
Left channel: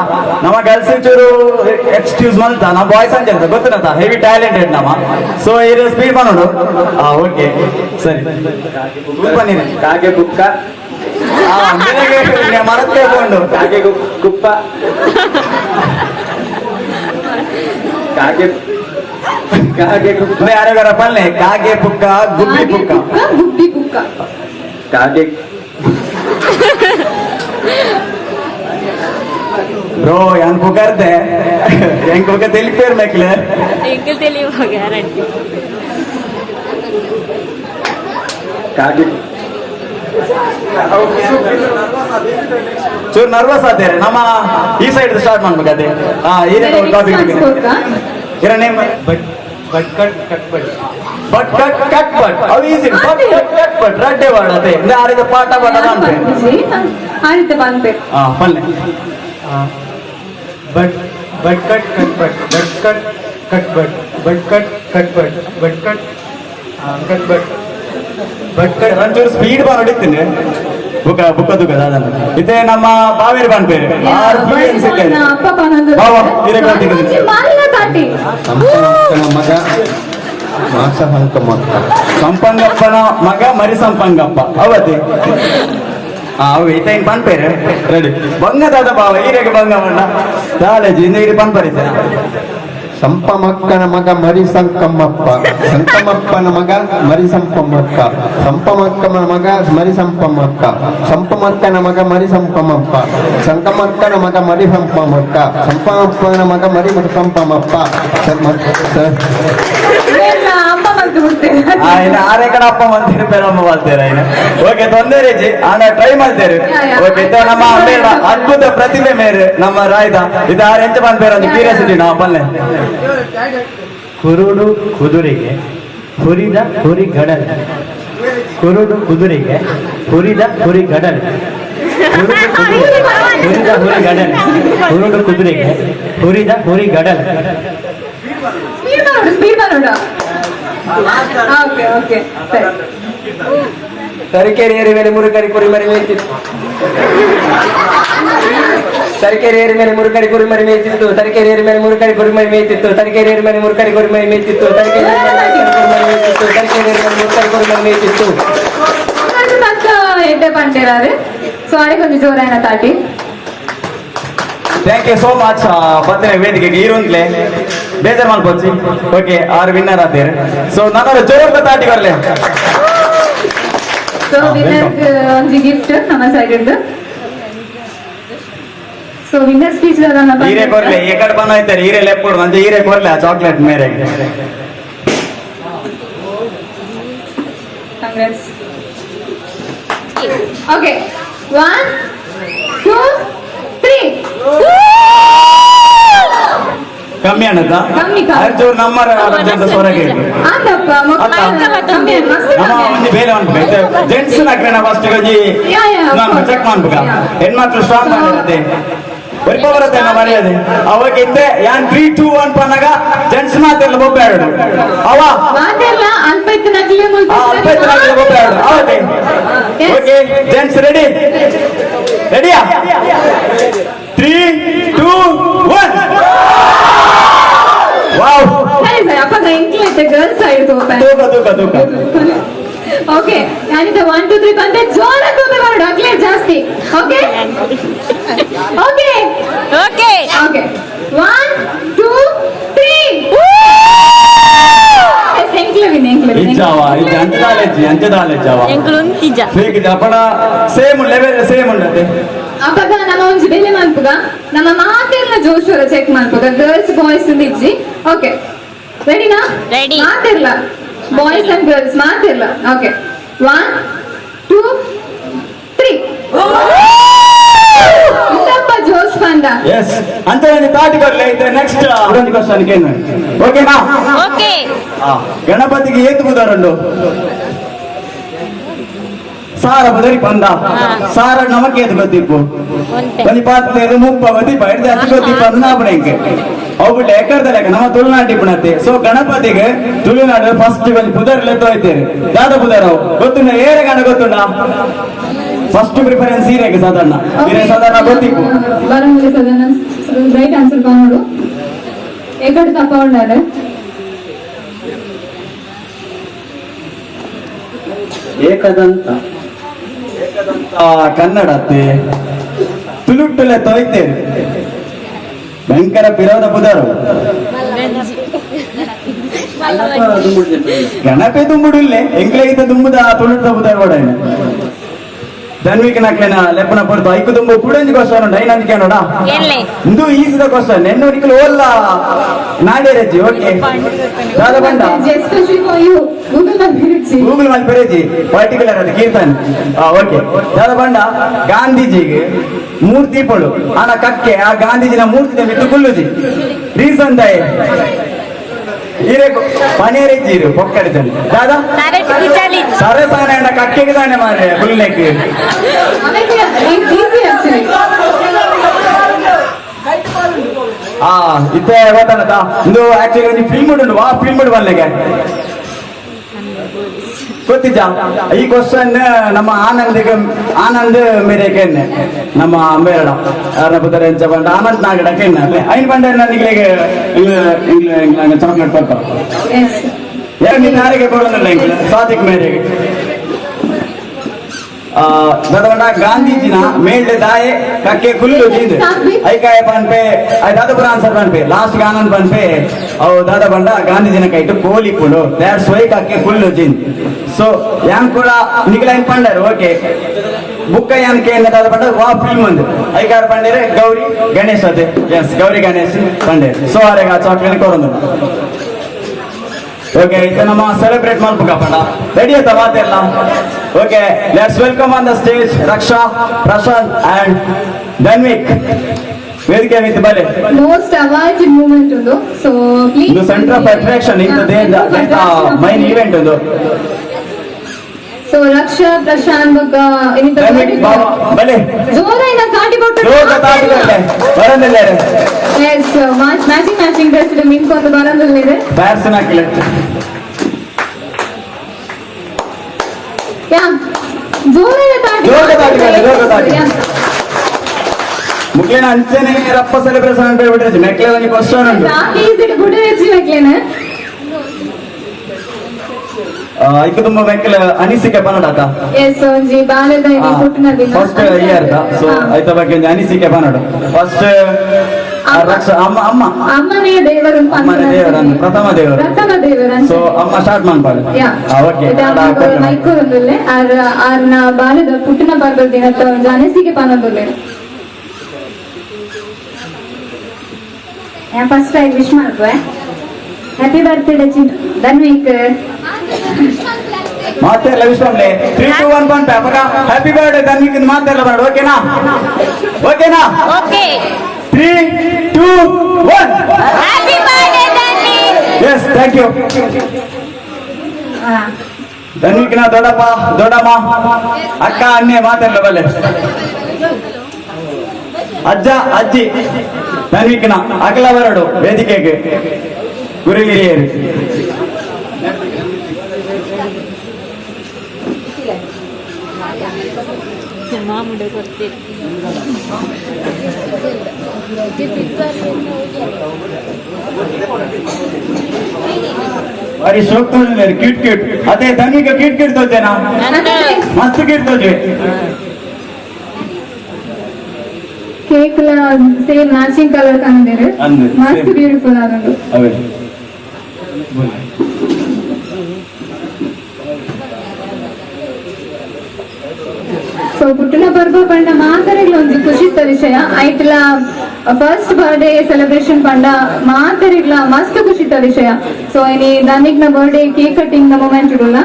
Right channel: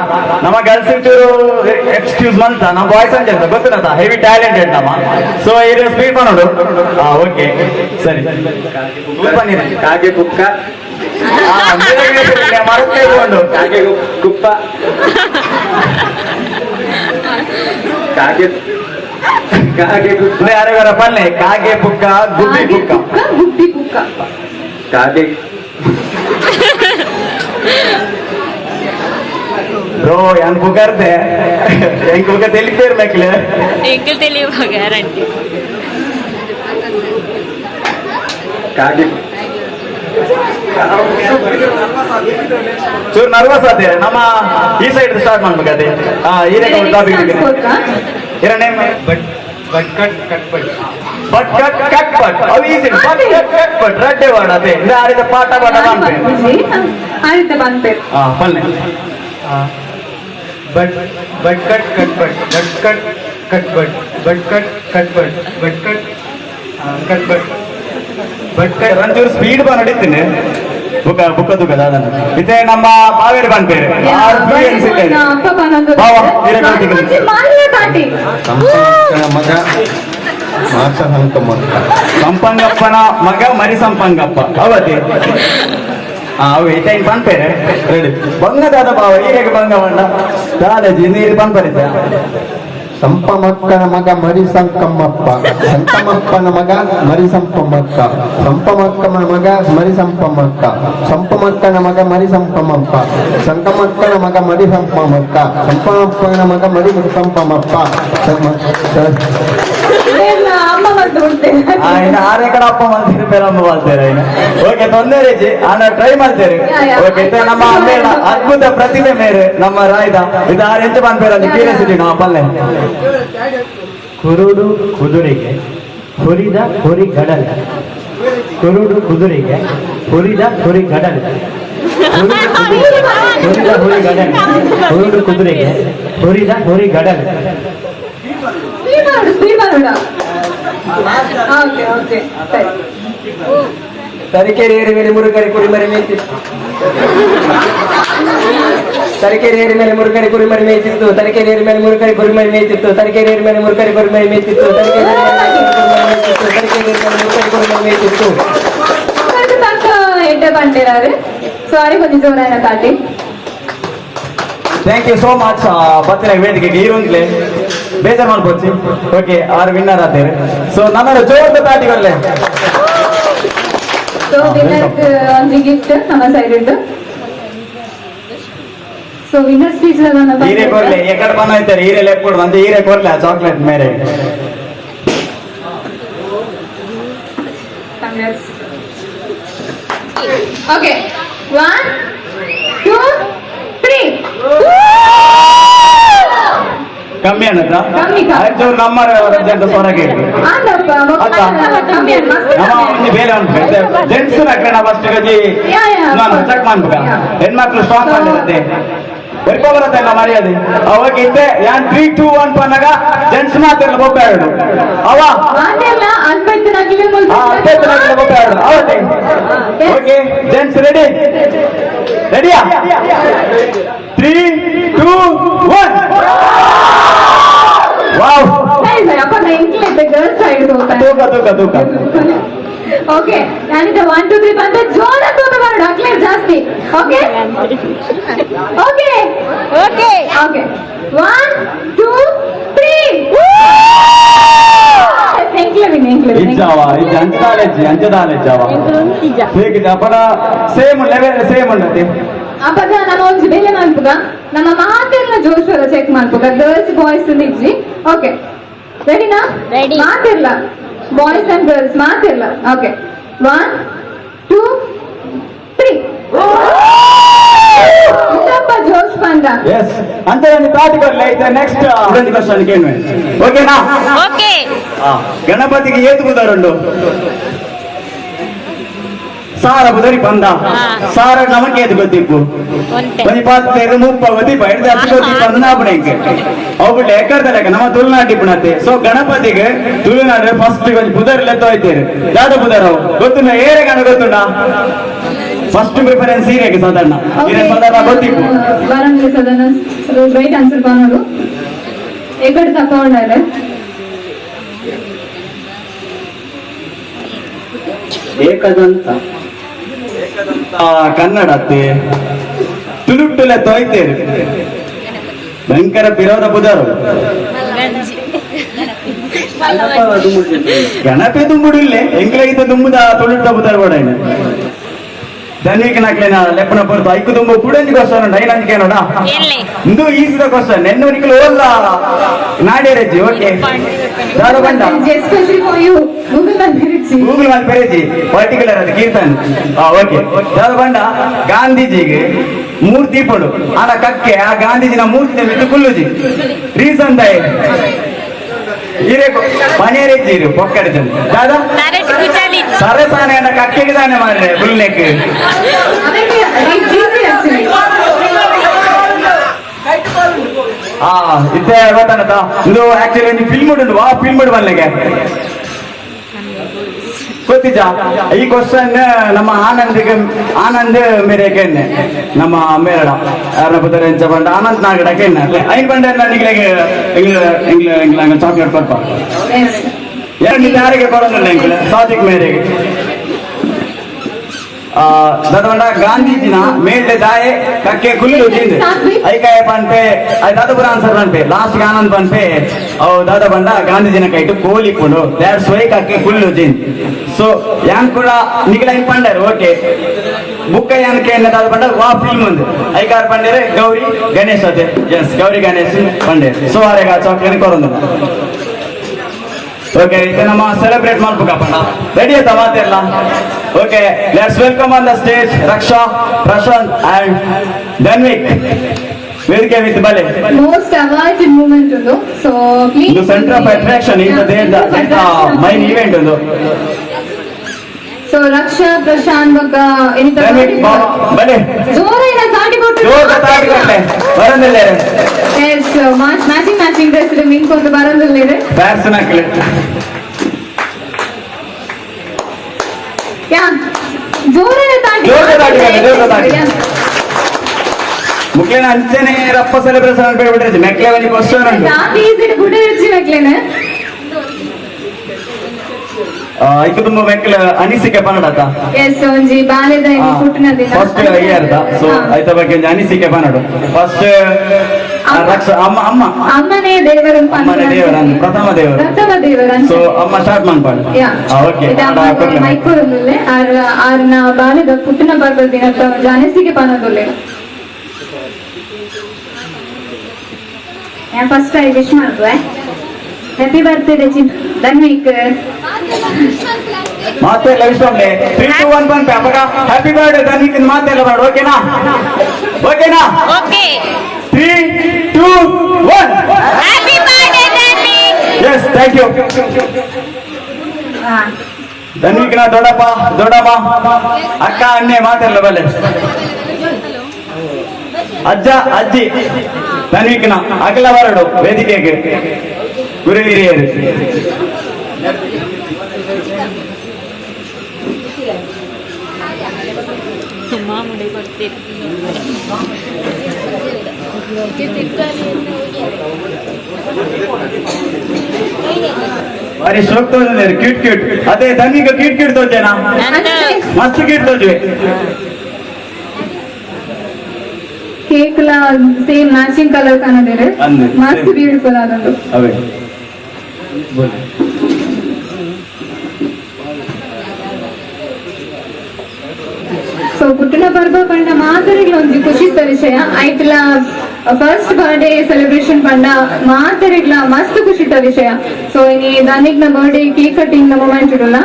ನಮ್ಮ ಗರ್ಲ್ಸ್ ಚೂರು ಎಕ್ಸ್ಕ್ಯೂಸ್ ಮಾಡ್ತಾ ನಮ್ಮ ಬಾಯ್ಸ್ ಅಂತ ಹೇಳ್ತಾ ಗೊತ್ತಿರತ್ತ ಹೆವಿ ಟ್ಯಾಲೆಂಟೆಡ್ ನಮ್ಮ ಸೊ ಇದು ಸ್ಪೀಡ್ ಮಾಡೋದು ಹಾ ಓಕೆ ಸರಿ ಬನ್ನಿರಿ ಕಾಗೆ ಬುಕ್ಕ ಮರಕ್ಕೆ ತಗೊಂಡು ಕಾಗೆ ಕುಪ್ಪ ಕಾಗೆ ಕಾಗೆ ಕುಪ್ಪ ಯಾರ್ಯಾರ ಪಲ್ಲೆ ಕಾಗೆ ಬುಕ್ಕ ಗುಬ್ಬಿ ಬುಕ್ಕ ಗುಬ್ಬಿ ಬುಕ್ಕ ಕಾಗೆ ಬ್ರೋ ಯಾನ್ ಬುಗಾರ್ದೆ ಎಂಕ తెలిపేరు మెక్లే ಎಂಕಲ್ తెలియవు ಗ್ಯಾರಂಟಿ ಕಾಗೆ ಚೂರು ನರ್ವಸ್ ಆದ್ರೆ ನಮ್ಮ ಈ ಸೈಡ್ ಸ್ಟಾರ್ಟ್ ಮಾಡ್ಬೇಕು ಅದೇ ಏನೇ ಟಾಪಿಕ್ ಇರ ನೇಮ್ ಬಟ್ ಅವು ಈಸಿ ಬಟ್ ರಡ್ಡೆ ವಾಡ ಅದೇ ಆಡಿದ ಪಾಠ ಪಾಠ ಆಡಿದ ಬಂತೆ ಪಲ್ಲೆ ಬಟ್ ಒಂಚೂರು ಸ್ಪೀಡ್ ಬಾ ನಡೀತೀನಿ ಬುಕ್ಕ ಬುಕ್ಕದು ಇದೇ ನಮ್ಮ ಬಾವೇರಿ ಬಾನ್ಪೇರು ಸಂಪಂಗಪ್ಪನ ಮಗ ಮರಿ ಸಂಪಂಗಪ್ಪ ಅವತಿ ಅವು ಇತ್ತೆ ಬಾನ್ಪೇರು ರೆಡಿ ಬಂಗದಾದ ಬಾವ ಈರೆಗೆ ಬಂಗ ಬಣ್ಣ ದಾದಾಜಿ ನೀರು ಬಂದ್ಬರಿದ್ದ ಸಂಪಮಕ್ಕನ ಮಗ ಮರಿ ಸಂಕಮ್ಮಪ್ಪ ಸಂಕಮಪ್ಪನ ಮಗ ಮರಿ ಸಂಪಮ್ಮಕ್ಕ ಸಂಪಮಕ್ಕನ ಮಗ ಮರಿ ಸಂಪಮ್ಮಕ್ಕ ಸಂಪಮಕ್ಕನ ಮಗ ಮರಿ ಸಂಪಮಪ್ಪ ಸಂಕಮಕ್ಕನ ಮಗ ಮರಿ ಸಂಪಮಕ್ಕ ಸಂಪಮಪ್ಪನ ಮಗ ಮರಿ ಸಂಪಮಪ್ಪ ಅಮ್ಮ ಬಂದು ಆನೆ ಕಡೆ ಅಪ್ಪ ಮಾಡ್ತೀರಿ ಬೇರಮ್ಮ ಮಾಡ್ತಾರೆ ಓಕೆ ತೊಂದರೆ ಜಿ ಆನ ಟ್ರೈ ಮಾಡ್ತೇವೆ ಓಕೆ ನಮ್ಮ ಮೇಡ ಅದ್ಭುತ ಪ್ರತಿಭೆ ಮೇರೆ ನಮ್ಮ ರಾಯ್ದ ಇದು ಆರು ಎಂಚ ಬಂದ್ಬೇರ ಕ್ಯೂರಿಯಾಸಿಟಿ ನಾವು ಪಲ್ಲೆ ಕುರುಡು ಕುದುರೆಗೆ ಹುರಿದ ಹುರಿ ಗಡಲ ಕುರುಡು ಕುದುರೆಗೆ ಹುರಿದ ಹುರಿ ಗಡಲ ಹುರಿದ ಹುರಿ ಗಡಲ ಕುರುಡು ಕುದುರೆಗೆ ಹುರಿದ ಹುರಿ ಗಡಲ ಸ್ಪೀಡ್ ಮಾಡೋಣ ಓಕೆ ಓಕೆ ಸರಿ ತರೀಕೆರೆ ಏರಿ ಮೇಲೆ ಮುರುಗರಿ ಕುರಿ ಮರಿ ಮೇಯ್ತಿತ್ತು ತರೀಕೆರೆ ಏರಿ ಮೇಲೆ ಮುರುಗರಿ ಕುರಿ ಮರಿ ಮೇಯ್ತಿತ್ತು ತರೀಕೆರೆ ಏರಿ ಮೇಲೆ ಮುರುಗರಿ ಕುರಿ ಮರಿ ಮೇಯ್ತಿತ್ತು ತರೀಕೆರೆ ಏರಿ ಮೇಲೆ ಮುರುಗರಿ ಕುರಿ ಮರಿ ಮೇಯ್ತಿತ್ತು ತರೀಕೆರೆ ಕುರಿ ಮರಿ ಮೇಯ್ತಿತ್ತು ತನಕ ಎಡ್ಡೆ ಬಂದಿರಾರು ಸಾರಿ ಕೊಂಚ ಜೋರಾಯನ ತಾಟಿ ಥ್ಯಾಂಕ್ ಯು ಸೋ ಮಚ್ ಬರ್ತೀನಿ ವೇದಿಕೆಗೆ ಇರುವಂತಲೇ ಬೇಜಾರು ಮಾಡ್ಕೊಚ್ಚಿ ಓಕೆ ಆರು ವಿನ್ನರ್ ಆದೇರು ಸೊ ನನ್ನೋಡ ಜೋರದ ತಾಟಿ ಬರ್ಲೆ ಸೊ ವಿನ್ನರ್ಗೆ ಒಂದು ಗಿಫ್ಟ್ ನಮ್ಮ ಸೈಡ್ ಉಂಟು ಸೊ ವಿನ್ನರ್ ಸ್ಪೀಚ್ ಹೀರೆ ಕೊಡ್ಲೆ ಎಕಡೆ ಬಂದಾಯ್ತಾರೆ ಹೀರೆ ಲೆಪ್ ಕೊಡು ಅಂದ್ರೆ ಹೀರೆ ಕೊಡ್ಲೆ ಚಾಕ್ಲೇಟ್ ಮೇರೆಗೆ ಕಾಂಗ್ರೆಸ್ ಓಕೆ 1 2 3 ಕಮ್ಮಿ ಅನ್ನದ ಕಮ್ಮಿ ಚೂರು ನಮ್ಮ ಹೊರಗೆ ಆದಪ್ಪ ಕಮ್ಮಿ ನಮ್ಮ ಮಂದಿ ಬೇರೆ ಅನ್ಬೇಕು ಜೆಂಟ್ಸ್ ನಕ್ರೆ ನಾ ಫಸ್ಟ್ ಗಜಿ ನಾನು ಚೆಕ್ ಮಾಡ್ಬೇಕ ಹೆಣ್ಮಕ್ಳು ಸ್ಟಾಕ್ ಮಾಡಿರುತ್ತೆ ಎಲ್ಪ ಬರುತ್ತೆ ನಮ್ಮ ಮನೆಯದು ಅವಾಗ ಇದ್ದೆ ಯಾನ್ 3 2 1 ಪನ್ನಾಗ ಜೆಂಟ್ಸ್ ಮಾತೆಲ್ಲ ಒಬ್ಬಾಡು ಅವ ಅದೆಲ್ಲ ಅಲ್ಪೈತನಾಗ್ಲೇ ಒಬ್ಬಾಡು ಅವತ್ತೆ ಓಕೆ ಜೆಂಟ್ಸ್ ರೆಡಿ ರೆಡಿಯಾ 3 2 1 ವಾವ್ ಅಪ್ಪ ಇಂಟ್ಲೈತೆ ಗರ್ಲ್ಸ್ ಸೈಡ್ ತೂಕ ಓಕೆ ನಾನಿಂದ 1 2 3 ಬಂದ್ರೆ ಜೋರ ತೂಕ ಮಾಡು ಅಗ್ಲೇ ಜಾಸ್ತಿ ಓಕೆ ಓಕೆ ಓಕೆ ಓಕೆ 1 2 3 ಇಜ್ಜಾವ ಇಜ್ಜ ಅಂಚದಾಲೆಜ್ಜಾವ ಎಂಕುಲು ಉಂತಿಜ ಬೇಗ ಅಪ್ಪನ ಸೇಮ್ ಲೆವೆಲ್ ಸೇಮ್ ಉಂಡತೆ ಅಪ್ಪಗ ನಮ್ಮ ಒಂಜಿ ಬೆಲೆ ಮಾಡ್ಪುಗ ನಮ್ಮ ಮಾತೆಲ್ಲ ಜೋಶೋರ ಚೆಕ್ ಮಾಡ್ಪುಗ ಗರ್ಲ್ಸ್ ಬಾಯ್ಸ್ ಇಜ್ಜಿ ಓಕೆ ರೆಡಿನಾ? Ready. ಮಾತಿರ್ಲ ಬಾಯ್ಸ್ ಅಂಡ್ ಗರ್ಲ್ಸ್ ಮಾತಿರ್ಲ. ಓಕೆ 1 2 3 ಇಂದಪ್ಪ ಜೋಶ್ ಬಂದ. ಎಸ್ ಅಂತ ಒಂದು ತಾಟ್ ಕೊಡ್ಲೆ ಇದು ನೆಕ್ಸ್ಟ್ ಇದೊಂದು ಕ್ವಶನ್ ಕೇಳ್ಮೆ ಓಕೆನಾ? ಓಕೆ. ಗಣಪತಿಗೆ ಏತು ಬುದರುಂಡು ಸಾರ ಬುದರಿ ಬಂದ ಸಾರ ನಮಕ್ಕೆ ಏತು ಗೊತ್ತಿಪ್ಪು ಒಂಟೆ. ಒಂದು 20 30 ಗೊತ್ತಿಪ್ಪ ಹಿಡ್ದು ಅದು ಗೊತ್ತಿಪ್ಪ ಅದು ನಾಪಣೆಂಕೆ ಅವು ಬಿಟ್ಟು ಎಕ್ಕಡ್ದ ಲೆಕ್ಕ ನಮ್ಮ ತುಳುನಾಟಿ ಪುಣತೆ. ಸೊ ಗಣಪತಿಗೆ ತುಳುನಾಡು ಫಸ್ಟ್ ಒಂದು ಬುದರ್ಲೆ ತೋಯ್ತೇವೆ. ಯಾವ್ದು ಬುದರ್ ಗೊತ್ತುಂಡ ಏರೆ ಗಣ ಗೊತ್ತುಂಡ ಫಸ್ಟ್ ಪ್ರಿಫರೆನ್ಸ್ ಸೀರೆಗೆ ಸಾಧಾರಣ ಸೀರೆ ಸಾಧಾರಣ ಗೊತ್ತಿಪ್ಪು ಬಾರಂಗಿಲ ಸದನ ರೈಟ್ ಆನ್ಸರ್ ಕಾಣೋದು ಎಕಡೆ ತಕೊಂಡಾರೆ ಏಕದಂತ ಕನ್ನಡತ್ತೆ ತುಳುಟ್ಟುಲೆ ತೊಯ್ತೇರು ಭಯಂಕರ ವಿರೋಧ ಬುಧರು ಗಣಪತಿ ದುಂಬುಡಿಲ್ಲೆ ಎಂಗ್ಲಾಗಿದ್ದ ದುಂಬುದ ತುಳುಟ್ಟ ಬುಧರು ಕೂಡ ಧನ್ವಿಕ ನಾಕ್ಲೇನ ಲೆಪ್ಪನ ಪಡ್ತು ಐಕು ತುಂಬ ಕುಡಂಜಿ ಕ್ವಶನ್ ಉಂಟು ಐನಂಜಿಕೆ ನೋಡ ಎಲ್ಲಿ ಇಂದು ಈಸಿದ ಕ್ವಶನ್ ಎನ್ನೋರಿಕಲು ಓಲ್ಲ ನಾಡ್ಯಾರಜ್ಜಿ ಓಕೆ ದಾದ ಬಂಡ ಎಸ್ಪೆಷಲಿ ಫಾರ್ ಯು ಗೂಗಲ್ ಬಂದಿರಿಸಿ ಗೂಗಲ್ ಮಾಡಿ ಪೆರೇಜಿ ಪರ್ಟಿಕ್ಯುಲರ್ ಅದು ಕೀರ್ತನ್ ಓಕೆ ದಾದ ಬಂಡ ಗಾಂಧೀಜಿಗೆ ಮೂರ್ತಿ ಪಡು ಆನ ಕಕ್ಕೆ ಆ ಗಾಂಧೀಜಿನ ಮೂರ್ತಿ ಬಿದ್ದು ಕುಲ್ಲುಜಿ ರೀಸನ್ ತಾಯಿ ಈರೆ ಪನೇರೆಜ್ಜೀರು ಪೊಕ್ಕಡಿತಂದು ದಾದ ನರೇಟ್ ಕುಚಾಲಿ ಸರಸಾನೆ ಅನ್ನ ಕಕ್ಕೆಗೆ ತಾನೆ ಮಾರ್ರೆ ಬುಲ್ಲೆಕ್ ಅದಕ್ಕೆ ಈಸಿ ಆಕ್ಚುಲಿ ಇತ್ತೆ ಗೊತ್ತಾನತ ಇದು ಆಕ್ಚುಲಿ ಒಂದು ಫಿಲ್ಮ್ ಉಂಟು ಆ ಫಿಲ್ಮ್ ಬನ್ಲಿಕ್ಕೆ ಗೊತ್ತಿಜ ಈ ಕ್ವಶನ್ ನಮ್ಮ ಆನಂದ್ ಮೇರೆಗೆ ನಮ್ಮ ಮೇರಡ ಯಾರ ಪುತ್ರ ಎಂಚ ಬಂಡ ಆನಂದ್ ನಾಗಡ ಕೆನ್ನ ಐನ್ ಬಂಡ ನನಗೆ ಚಾಕ್ಲೇಟ್ ಕೊಡ್ಪ ಎರಡು ಯಾರಿಗೆ ಕೊಡೋದಿಲ್ಲ ಇಂಗ್ಲ ಸಾದಿಕ್ ಮೇರೆಗೆ ದಾದ ಗಾಂಧೀಜಿನ ಮೇಲ್ಡೆ ದಾಯೆ ಕಕ್ಕೆ ಕುಲ್ಲು ತಿಂದು ಐಕಾಯ ಪನ್ಪೆ ದಾದಪುರ ಆನ್ಸರ್ ಪನ್ಪೆ ಲಾಸ್ಟ್ ಗೆ ಆನಂದ್ ಪನ್ಪೆ ಅವು ದಾದ ಬಂಡ ಗಾಂಧೀಜಿನ kite Koli ಪುಂಡು that's why ಕಕ್ಕೆ Kullu ತಿಂದು ಸೊ ಯಾನ್ ಕೂಡ ನಿಗಲೈನ್ ಪಂಡರು ಓಕೆ ಬುಕ್ಕ ಯಾನ್ಕೆ ದಾದ ಬಂಡ ವಾ ಫಿಲ್ಮ್ ಒಂದು ಐಕಾರ ಪಂಡರೆ ಗೌರಿ ಗಣೇಶ್ ಅದೇ ಎಸ್ ಗೌರಿ ಗಣೇಶ್ ಪಂಡೆ ಸೊ ಅವರಿಗೆ ಆ ಚಾಕ್ಲೇಟ್ ಕೊಡೋದು ಓಕೆ ಇದು ನಮ್ಮ ಸೆಲೆಬ್ರೇಟ್ ಮಾಡ್ಬೇಕಪ್ಪ ರೆಡಿ ಆಯ್ತಾ ಮಾತೆಲ್ಲ okay let's welcome on the stage Raksha Prashant and Dhanvik ವೇದಿಕೆ ವಿತ್ ಬಲೆ ಮೋಸ್ಟ್ ಅವಾಯ್ಡೆಡ್ ಮೂಮೆಂಟ್ ಒಂದು ಸೊ ಪ್ಲೀಸ್ ಇದು ಸೆಂಟರ್ ಆಫ್ ಅಟ್ರಾಕ್ಷನ್ ಇಂದ ಮೈನ್ ಈವೆಂಟ್ ಒಂದು ಸೊ ರಕ್ಷಾ ಪ್ರಶಾಂತ್ ಬಗ್ಗ ಏನಿದೆ ಧನ್ವಿಕ್ ಬಲೆ ಜೋರಾಗಿ ತಾಟಿ ಕೊಟ್ಟು ಜೋರ ತಾಗಿರಲ್ಲ ಬರಂದಿಲ್ಲ ಎಸ್ ಮ್ಯಾಚಿಂಗ್ ಡ್ರೆಸ್ ನಿಂತ್ಕೊಂಡು ಬರೋದಿಲ್ಲ ಬ್ಯಾಟ್ಸ್ ಹಾಕಿಲ್ಲ ಯಾ ಜೋರಾಗಿ ತಾಟಿ ಮುಕ್ಲೇನ ಅಂಚನೆ ರಪ್ಪ ಸೆಲೆಬ್ರೇಷನ್ ಅಂತ ಹೇಳ್ಬಿಟ್ಟಿದ್ದೆ ಮೆಕ್ಲೆ ಒಂದು ಕ್ವಶನ್ ಉಂಟು ಸಾಕಿ ಈಸಿಡ್ ಗುಡ್ ಹೆಚ್ಚಿ ಮೆಕ್ಲೇನೆ ಐಕು ತುಂಬ ಮೆಕ್ಲೆ ಅನಿಸಿಕೆ ಪನ್ನಡ ಎಸ್ ಒಂಜಿ ಬಾಲ್ಯದ ಹುಟ್ಟಿನ ದಿನ ಫಸ್ಟ್ ಇಯರ್ ಸೊ ಐತ ಬಗ್ಗೆ ಒಂದು ಅನಿಸಿಕೆ ಪನ್ನಡ ಫಸ್ಟ್ ರಕ್ಷಾ ಅಮ್ಮ ಅಮ್ಮನೇ ದೇವರು ಅಮ್ಮನೇ ದೇವರು ಅಂದ್ರೆ ಪ್ರಥಮ ದೇವರು ಸೊ ಅಮ್ಮ ಸ್ಟಾರ್ಟ್ ಮಾಡ್ಬಾರ್ದು ಓಕೆ ಮೈಕೋರಲ್ಲೇ ಆರ್ನ ಬಾಲ್ಯದ ಪುಟ್ಟಿನ ಬರ್ಗದ ದಿನ ಒಂಜಿ ಅನಿಸಿಕೆ ಪನ್ನೊಂದುಲ್ಲೆ ಫಸ್ಟ್ ಐ ವಿಶ್ ಮಾಡ್ವೆ ಹ್ಯಾಪಿ ಬರ್ತ್ಡೇ ಧನ್ವಿಕ್ ಮಾತೆಲ್ಲ ವಿಶ್ವಾಮ್ಲೆ 3 2 1 1 ಅವಾಗ ಹ್ಯಾಪಿ ಬರ್ತ್ಡೇ ಧನ್ವಿಕ್ ಮಾತೆಲ್ಲ ಮಾಡು ಓಕೆನಾ okay 3 2 1 happy birthday Dhanvik yes thank you ಧನ್ವಿಕ್ನ ದೊಡ್ಡಪ್ಪ ದೊಡ್ಡಮ್ಮ ಅಕ್ಕ ಅಣ್ಣೆ ಮಾತೆಲ್ಲ ಬಲೆ ಅಜ್ಜ ಅಜ್ಜಿ ಧನ್ವಿಕ್ನ ಅಗಲ ಬರಡು ವೇದಿಕೆಗೆ ಗುರು ಹಿರಿಯರು ಮಾಮೂಲಿ ಕೊಡ್ತೀರಿ ಬಾರಿ ಶೋಕ್ ತೋಜ್ ಕ್ಯೂಟ್ ಅದೇ ಧನ್ವಿಕ ಕ್ಯೂಟ್ ತೋಜೇನಾ ಮಸ್ತ್ ಕ್ಯೂಟ್ ತೋಜೆ ಕೇಕ್ ಸೇಮ್ ಮ್ಯಾಚಿಂಗ್ ಕಲರ್ ಕಾಣದಿದೆ ಮಸ್ತ್ ಬ್ಯೂಟಿಫುಲ್ ಆಗೋದು ಅವೇ ಸೊ ಪುಟ್ಟನ ಪರ್ವ ಪಂಡ ಮಾತರೆಗ್ಲ ಒಂಜಿ ಖುಷಿತ ವಿಷಯ ಐಟ್ಲ ಫಸ್ಟ್ ಬರ್ಡೇ ಸೆಲೆಬ್ರೇಷನ್ ಪಂಡ ಮಾತರೆಗ್ಲ ಮಸ್ತ್ ಖುಷಿತ ವಿಷಯ. ಸೊ ಇನಿ ದಾನಿಕ್ನ birthday cake cutting the moment ಇಡಲ್ಲ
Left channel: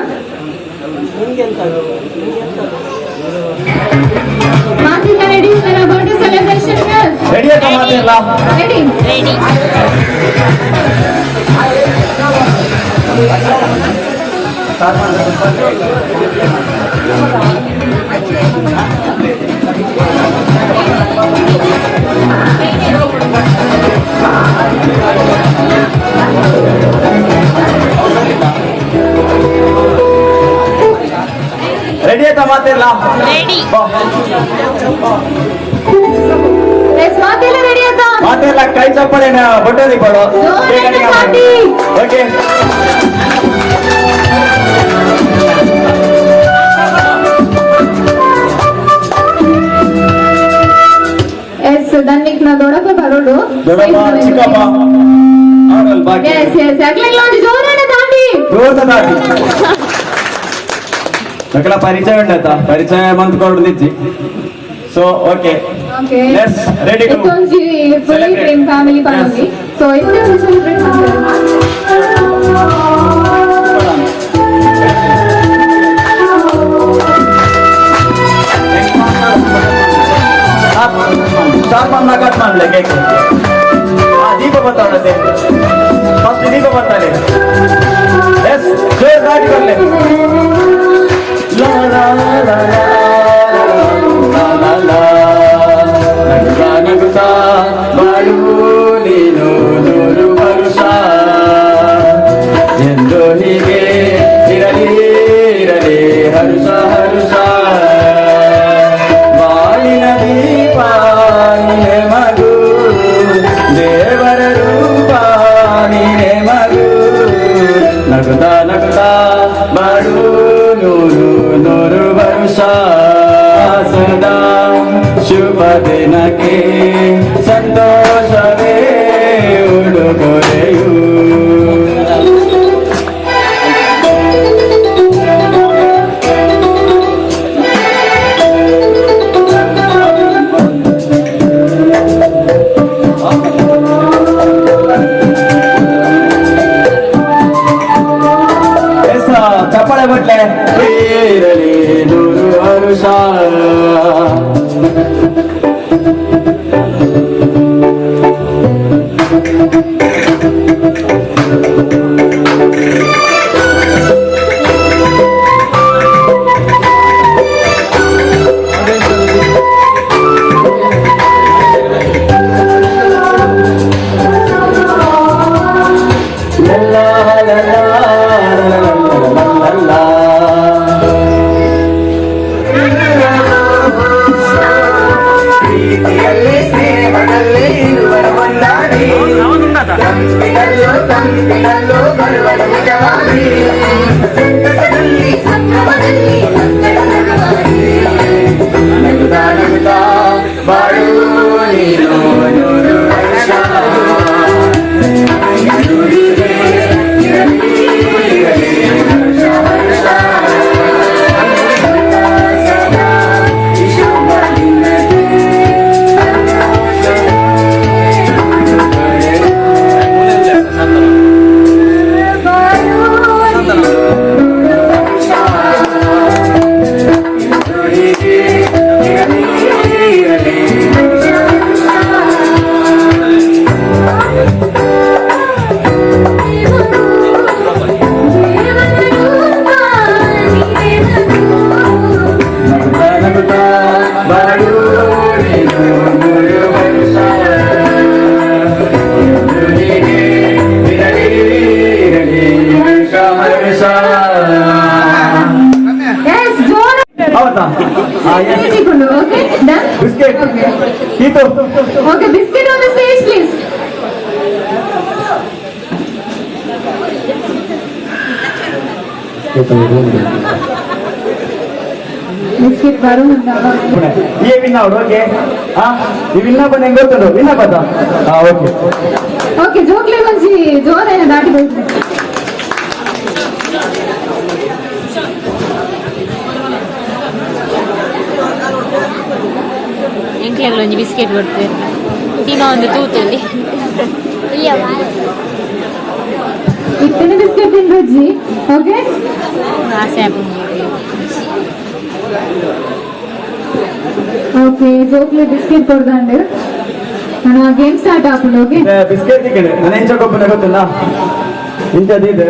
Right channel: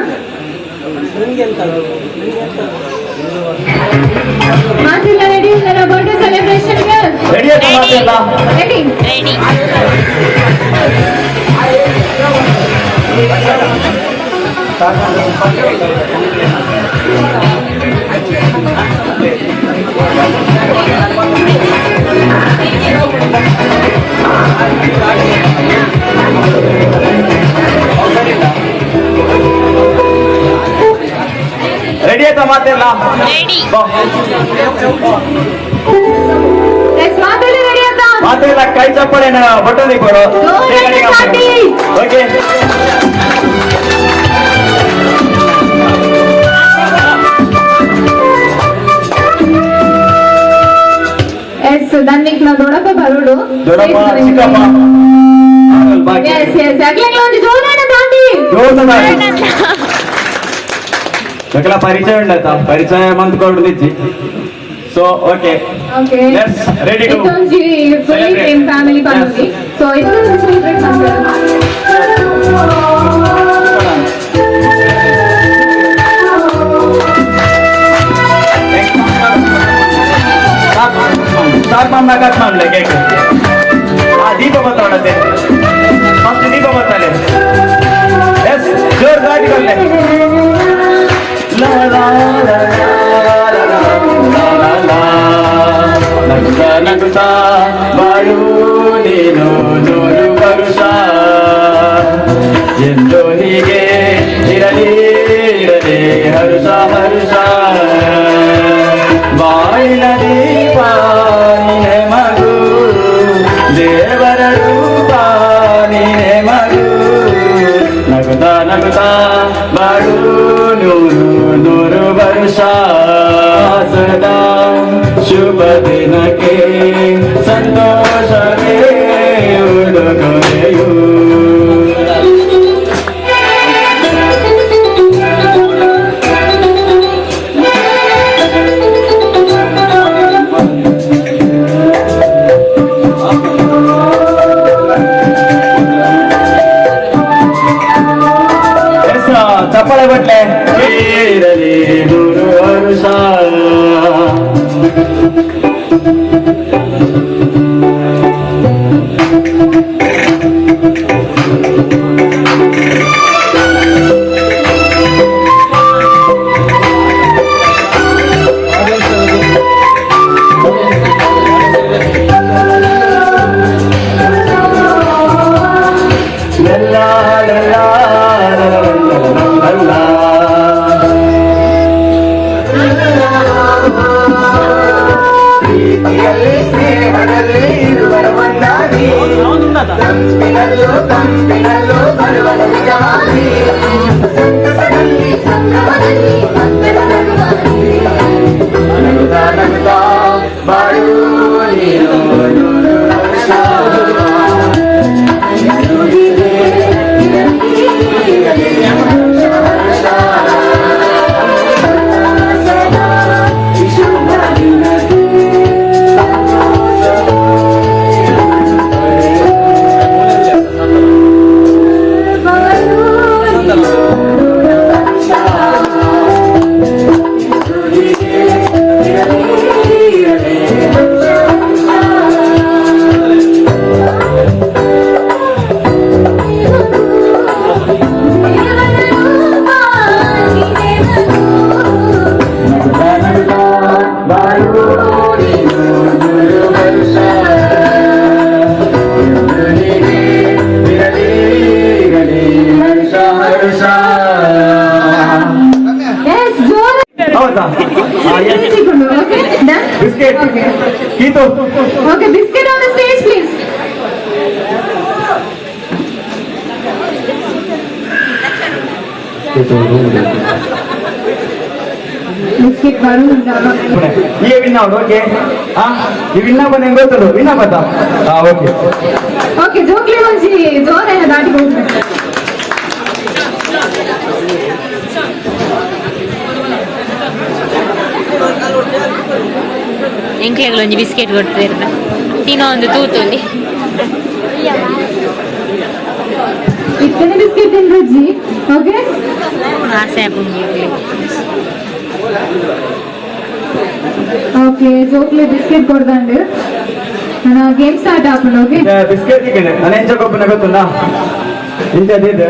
ಮಾತಿಲ್ಲ ರೆಡಿ ಇಲ್ಲರ ಬರ್ಡೇ ಸೆಲೆಬ್ರೇಷನ್ ರೆಡಿ ಆಯ್ತಾ ಮಾತೆಲ್ಲ? Ready ready. ರೆಡಿ ಆಯ್ತಾ ಮಾತೆಲ್ಲ? ರೆಡಿ. ಮಾತೆಲ್ಲ ರೆಡಿ ಆಯ್ತಾ? ಮಾತೆಲ್ಲ ಕೈ ಚಪ್ಪಳಿ ಬಟ್ಟೋದಿ ಕೊಡು. ಜೋರಾಗಿ ಸಾಟಿ. ಓಕೆ. ಎಸ್ ದನ್ನಿಕ್ನ ದೊಡ್ಡಪ್ಪ ಬರೋಡು ದೊಡ್ಡಪ್ಪ ಚಿಕ್ಕಪ್ಪ ಆಮೇಲೆ ಬಾಕಿ ಎಸ್ ಎಸ್ ಅಗ್ಲೆಲ್ಲ ಒಂದು ಜೋರಾನ ದಾಟಿ ಮಕ್ಕಳ ಪರಿಚಯ ಉಂಡತ ಪರಿಚಯ ಮಂತ್ ಕೊಡ್ದಿಜ್ಜಿ. So okay okay let's ready to ಇದೊಂಜಿ ಫುಲ್ಲಿ ಫ್ರೇಮ್ ಫ್ಯಾಮಿಲಿ ಪನೊಂದಿ. ಸೊ ಇದನ್ನ ಸೆಲೆಬ್ರೇಟ್ ಮಾಡ್ತಾರೆ. ಸಾರ್ಪನ್ನ ಕಟ್ ಮಾಡ್ಲೆ ಕೇಕ್. ದೀಪ ಬರ್ತಾಳೆ ಫಸ್ಟ್ ದೀಪ ಬರ್ತಾಳೆ. ಎಸ್ ಜೋರ್ ದಾಟಿ ಬರ್ಲೆ. ನಗುತ್ತಾ ಬಾಳು ನೀನು 100 ವರುಷ ಎಂದು ಹೀಗೆ ಇರಲಿ ಇರಲಿ ಹರುಷ ಹರುಷ ಬಾಳಿನ ದೀಪ ನೀನೆ ಮಗು ದೇವರ ರೂಪ ನೀನೆ ಮಗು ನಗುತ್ತಾ ನಗುತ್ತಾ ಬಾಳು 100 ವರುಷ ಸದಾ ಶುಭ ದಿನಕ್ಕೆ ಸಂತೋಷವೇ ಉಡುಗೊರೆಯು. ಚಪ್ಪಳೆ ಬಟ್ಲೆ ಇರಲಿ 100 ವರುಷ. ಬಿಸ್ಕೆಟ್ ಗೀತು. Okay biscuit on the stage please. Biscuit ಬರುವುದಿಲ್ಲ. ಈ ವಿನ್ನ ಔಟ್ ಓಕೆ. ಈ ವಿನ್ನ ಬಂದು ಹೆಂಗ್ ಗೊತ್ತದು ವಿನ್ನ ಬತ್ತ. ಓಕೆ ಓಕೆ ಜೋಕ್ಲಿ ಒಂಜಿ ಜೋರೇನ ದಾಟಿ ಹೋಗ್ಬೇಕು. ಮಕ್ಳಿಗೆ ಒಂಜಿ ಬಿಸ್ಕೆಟ್ ಕೊಡ್ತಿರ್ನ ತಿನ್ನೋ ಒಂದು ತೂತುಲಿ ಇತ್ತನೆ ಬಿಸ್ಕೆಟ್ ತಿಂದ್ರಜ್ಜಿ ಓಕೆ ಆಸೆ ಆಪುಂಜಿ ಓಕೆ ಜೋಕ್ಲೆ ಬಿಸ್ಕೆಟ್ ಕೊಡ್ದಂಡು ನಾನು ಗೇಮ್ ಸ್ಟಾರ್ಟ್ ಆಪುಂಡು ಓಕೆ ಬಿಸ್ಕೆಟ್ ತಿಕ್ಕಿದೆ ನಾನು ಎಂಚ ಕೊಪ್ಪನ ಗೊತ್ತುನಾ ಇಂಥದ್ದು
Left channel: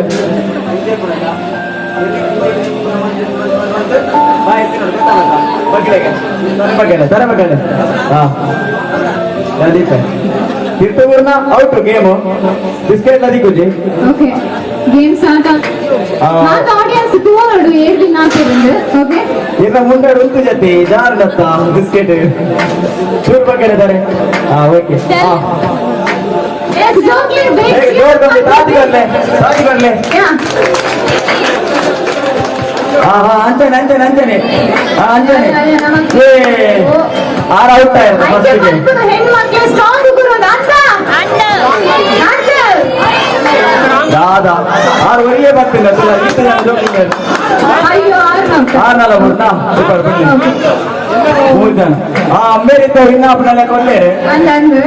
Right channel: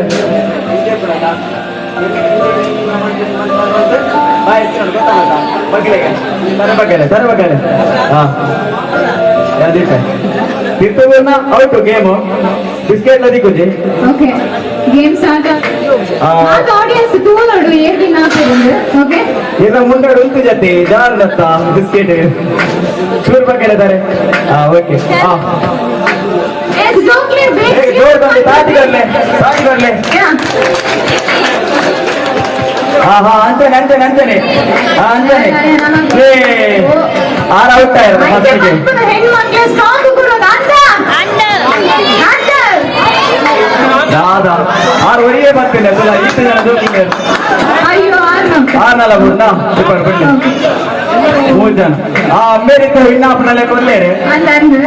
ತರಬಗಲೆ ಹಾ ತಿರ್ತವನ್ನ ಔಟು ಗೇಮು ಬಿಸ್ಕೆಟ್ ಲದಿಕ್ಕುಜಿ ಓಕೆ ಗೇಮ್ ಸ್ಟಾರ್ಟ್ ನಾನು ಆಡಿಯನ್ಸ್ ತೂವಡು ಏರ್ ದಿನ ಹಾಕಿருந்து ಓಕೆ ಇನ್ನು ಮುಂದೆ ಉಂಟು ಜೊತೆ ಜಾರ್ನತ್ತ ಬಿಸ್ಕೆಟ್ ಚೂರು ಬಗ್ಗೆದ್ದಾರೆ ಹಾ ಓಕೆ ಹಾ ಎಸ್ ಜೋಕ್ಲೆ ಜೋರ್ ಬಂದು ತಾಜಿಗರ್ಲೆ ಹಾ ಹಾ ಅಂತಾನೆ ಹಾ ಅಂತಾನೆ ಆರ ಔಟ್ ಆಯ್ತು ಫಸ್ಟಿಗೆ ಹೆಣ್ಣು ಮಕ್ಕಳು ಸ್ಟ್ರಾಂಗ್ ಕೊಡೋದು ಅಂದ ದಾದಾ ಆರು ವರೆಗೆ ಬರ್ತೀನಿ ಅಸಲ ಇಷ್ಟು ಜನ ಜೋಕಿಂಗ್ ಅಯ್ಯೋ ಆರ್ನಲ್ಲ ಬಿಡ್ನ ಸೂಪರ್ ಬಿಡ್ಲಿ 3 ಜನ ಆ ಅಮೇರಿಕ ವಿನ್ನಾಪನಲ್ಲೇ ಕೊಡ್ಲೇರಿ ಅಂದು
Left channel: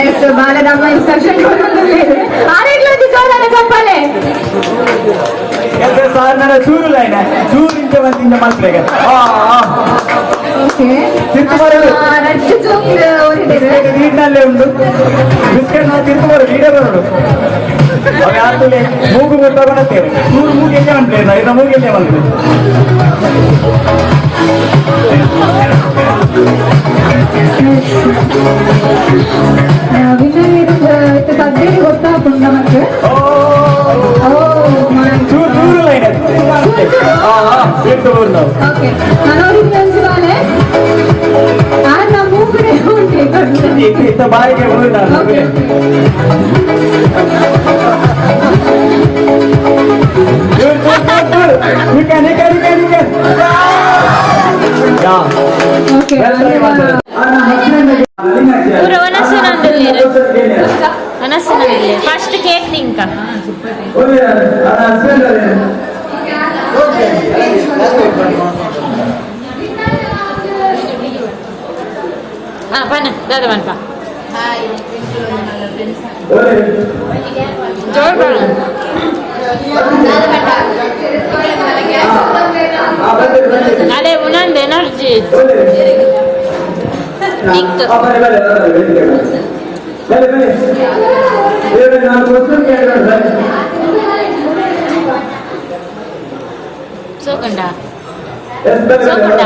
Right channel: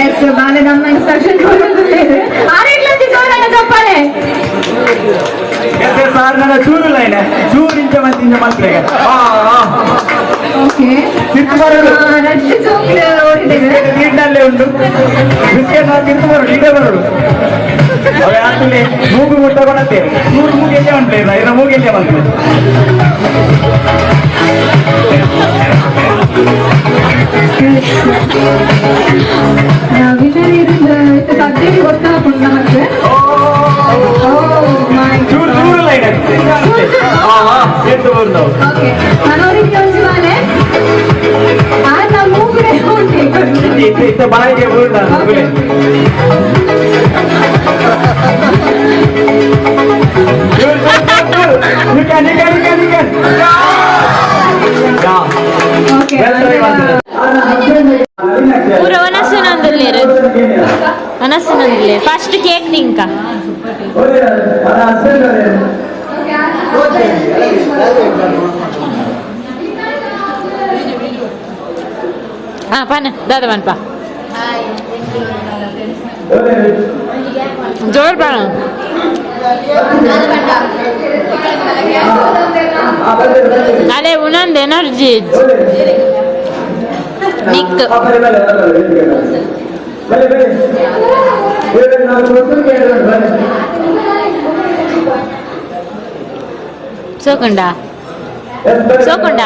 ಎಸ್ ಬಾಲೆ ನಮ್ಮ ಇನ್ಸ್ಟ್ರಕ್ಷನ್ ಕೊಡೋದು ಆರೆಗ್ಲಂದಿ ಜೋರಾನ ಚಪ್ಪಾಳೆ ಸಾರ್ ನನ್ನ ಚೂರು ಲೈನ್ ಚೂರು ಇಂಚ ಮಂತಿಂದ ಮಾತ್ರೆಗೆ ಓಕೆ ತಿರ್ತು ಬರೋದು ರಡ್ಡು ಜೋಕ್ಲೆ ಓದಿದ್ದೇವೆ ನೀರಿನಲ್ಲೇ ಉಂಟು ಬಿಸ್ಕೆಟ್ ತಿರ್ತು ಬರೋದು ಇದೇ ಬರೋದು ಯಾರಲ್ಲಿ ಮೂಗು ತಗೊಂಡತ್ತೇವೆ ಮೂಗೆಲ್ಲೇ ಉಂಟು ಇನ್ನು ಮೂಗೆಲ್ಲೇ ಬಂತು ವಿನ್ನರ್ ಇருந்து ಸಬ್ಜೆಕ್ಟ್ ಗೊತ್ತಾಗ್ತುಂಟು ನಮಗೆ ಚೂರು ಚೂರು ಲೈನ್ ತಿರ್ತು ಬಂದು ಓಕೆ ನಾನು ಅವ್ರಿಗೆ ಒಂದು ಬಾಲೆ ಆ ನಮ್ಮ ಮೂಗುಡೆ ಉಂಟು ಇತ್ತ ಬಾಯಿಗೆ ಹೋಗಿಲ್ಲ ಓಕೆ ಪೂರ ಮನಸ್ಸಿನಲ್ಲಿ ಫಸ್ಟ್ ಕೇಕ್ ತಿಂಕ ದಾದ ಬನ್ಪ ಜೋರ್ ಬರ ಅದೇ ಉನ್ನೊಂದು ಎನರ್ಜಿ ದಿಕ್ ಸೋಕಂಡ ಸೋಕಂಡ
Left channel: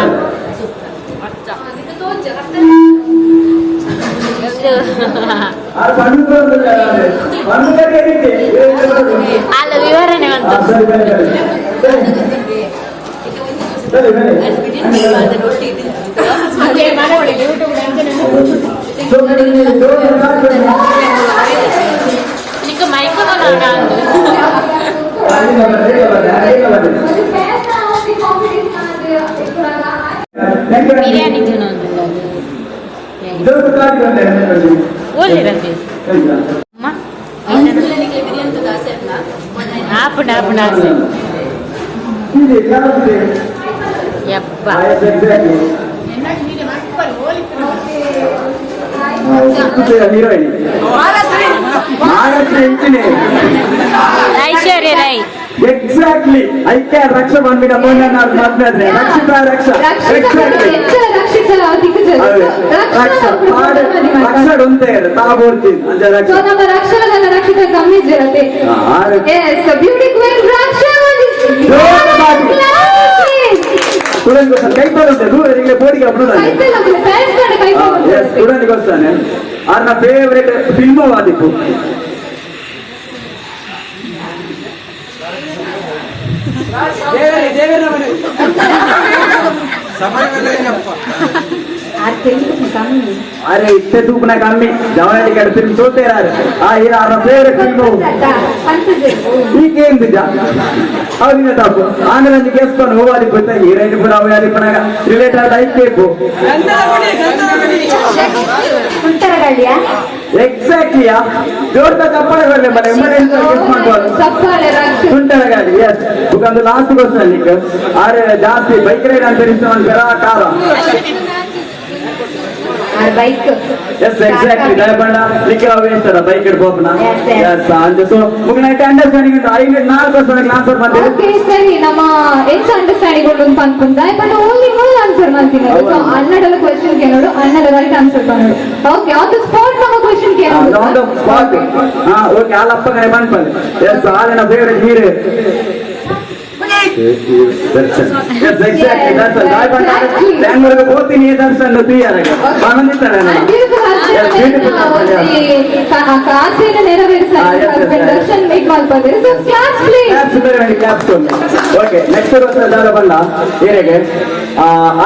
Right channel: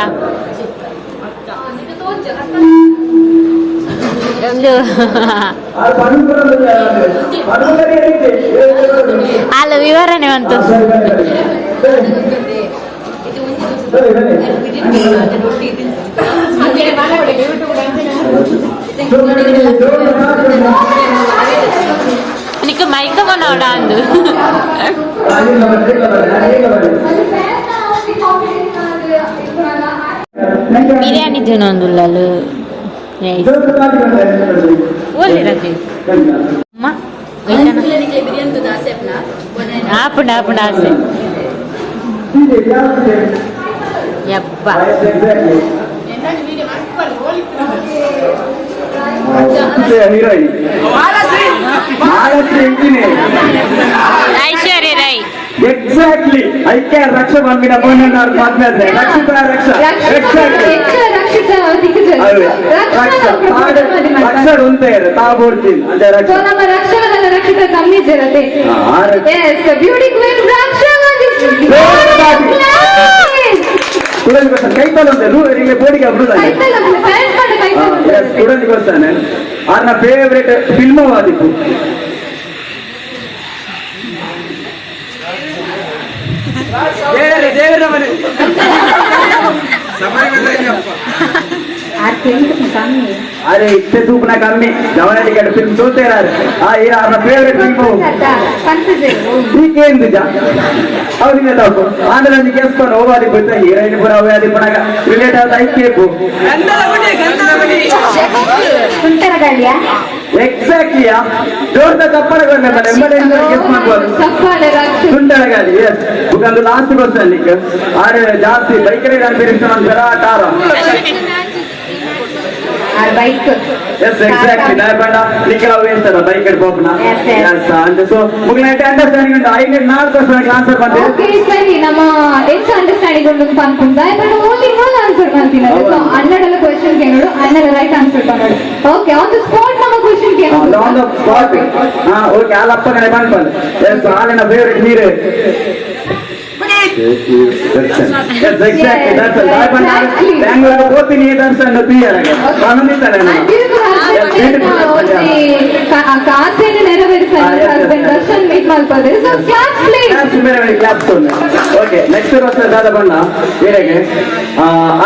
ಅಲ್ಲ ವಿವರಣೆ ಅಂತ ನಿಕ್ಕೆ ಮೈಕ ಮಾಡೋಣ ಅಂದು ಬಿರಿಯಾನಿ ತಿನ್ನೊಂದಿಲ್ಲ ಓದಿರತ್ತೆ ಅಮ್ಮ ಆಪುಣ ಆಪುಣ ಆಸೆ ಯಪ್ಪ ಐಶ್ವರ್ಯ ರೈ ಎಕ್ಸಾಕ್ಟ್ಲಿ ಐಕ್ಯ ರಕ್ಷ ಬಂದ್ಬಿಟ್ಟ ರಕ್ಷ ಉಂಟೆ ತಾಬೋಡ್ತೀನಿ ಅದೇ ರಕ್ಷ ನಮ್ಮ ರಕ್ಷಣದ ರಕ್ಷಿತ ಕಮ್ಮಿ ಜನತೆ ಬ್ಯೂಟಿ ಕ್ವೀನ್ ಕೈ ತಗೊಂಡೆ ದೂರ ನಿಮಗೆ ಬೋಡಿಗೆ ಬಿಡುದಾನೆ ಸ್ಟೂಡೆಂಟ್ಗೆ ವಸ್ತಾನೆ ಆರ್ನ ಫೇವ್ರೇಟ್ ಫಿಲ್ಮ್ ಆದಿತ್ತು अरे इतने धूप ना कमी जवानी गड फिल्म चलते रहा ये आपका फेवरेट फिल्म నీకేంది అవును తప్పు ఆంధ్రాన్ని చేసుకొని ఓవాలి పోతే హీరోయిన్ కూడా అవ్వాలి పనగా రిలేట్ అవుతా అయిపోయి ఎగ్జాక్ట్లీ ರೆಡಿಯಾ? ದೊಡ್ಡ ಚಪ್ಪಳೆ ಬರ್ಬೇಕಲ್ಲ ಗೆಸ್ಟ್ ಮಾಡ್ಬೋದು. ಚಪ್ಪಾಳೆ ರಾಕ್ಷಸ. ಸುಂಟರಗಾಡಿ ಎಸ್ ಅದು ಲಾಸ್ಟ್ ಕ್ವಶನ್ ಈಗ ಆದ್ರೆ ಜಾಸ್ತಿ ಬೈಕ್ ರೈಡ್ ಅಂತ ಒಂದ್ಸಲ ಕಾರ ಬೈಕ್ ಎಸ್ ಎಕ್ಸಾಕ್ಟ್ಲಿ ದಯಪಂಡ ನಿಖಿಲ ವೇಸ್ತದ ಬೈಕ್ ಹೋಗ್ನ ಎಸ್ ಅಂಡ್ ಸೊ ಮುಗಿನೈತೆ ಅಂಡರ್ಸ್ಟ್ಯಾಂಡಿಂಗ್ ಉಂಟು 4 ವರ್ಷದ ಆನ್ಸರ್ ಬಂದೆ. ಓಕೆ ಸರಿ ನಮ್ಮ ಹೆಚ್ಚು ಅಂಡರ್ಸ್ಟ್ಯಾಂಡಿಂಗ್ ಉಂಟು ಅನ್ಕೊಂಡ ಬಟ್ ಓನ್ಲಿ ಮೂರು ಆನ್ಸರ್ ಮಾಡ್ತೀನಿ. ಸೊ ಅನ್ನಡಲ್ಲ ಕ್ವೆಶ್ಚನ್ ಕೇಳೋಡು ಅನ್ನಡ ರೈಟ್ ಆನ್ಸರ್ ತಗೊಳ್ಳಿ. ಓಕೆ ಆನ್ ದ ಸ್ಪಾಟ್ ನಮ್ಮ ಕ್ವೆಶ್ಚನ್ ಕೇಳೋದು. ಆನ್ ದ ಸ್ಪಾಟ್ ಓಕೆ ಆಲಪ್ಪಗೆ ಬಂದ್ಬಂದು ಎಸ್ ಆಲಿನ ಫೇವರೇಟ್ ಹೀರೋ ಬ್ಯಾಂಗ್ಳೂರ್ ಹೋಗ್ತೀನಿ ದರ್ಶನ್ ಆಸೆಯನ್ನು ನೆರವೇರಿಸಲು ದರ್ಶನ್ ಮೀಟ್ ಮಾಡ್ಕೋದ್ರೆ ಓಕೆ ನೆಕ್ಸ್ಟ್ ವರ್ಷ ದಾದ ಬಂದ ಏನೆಗೆ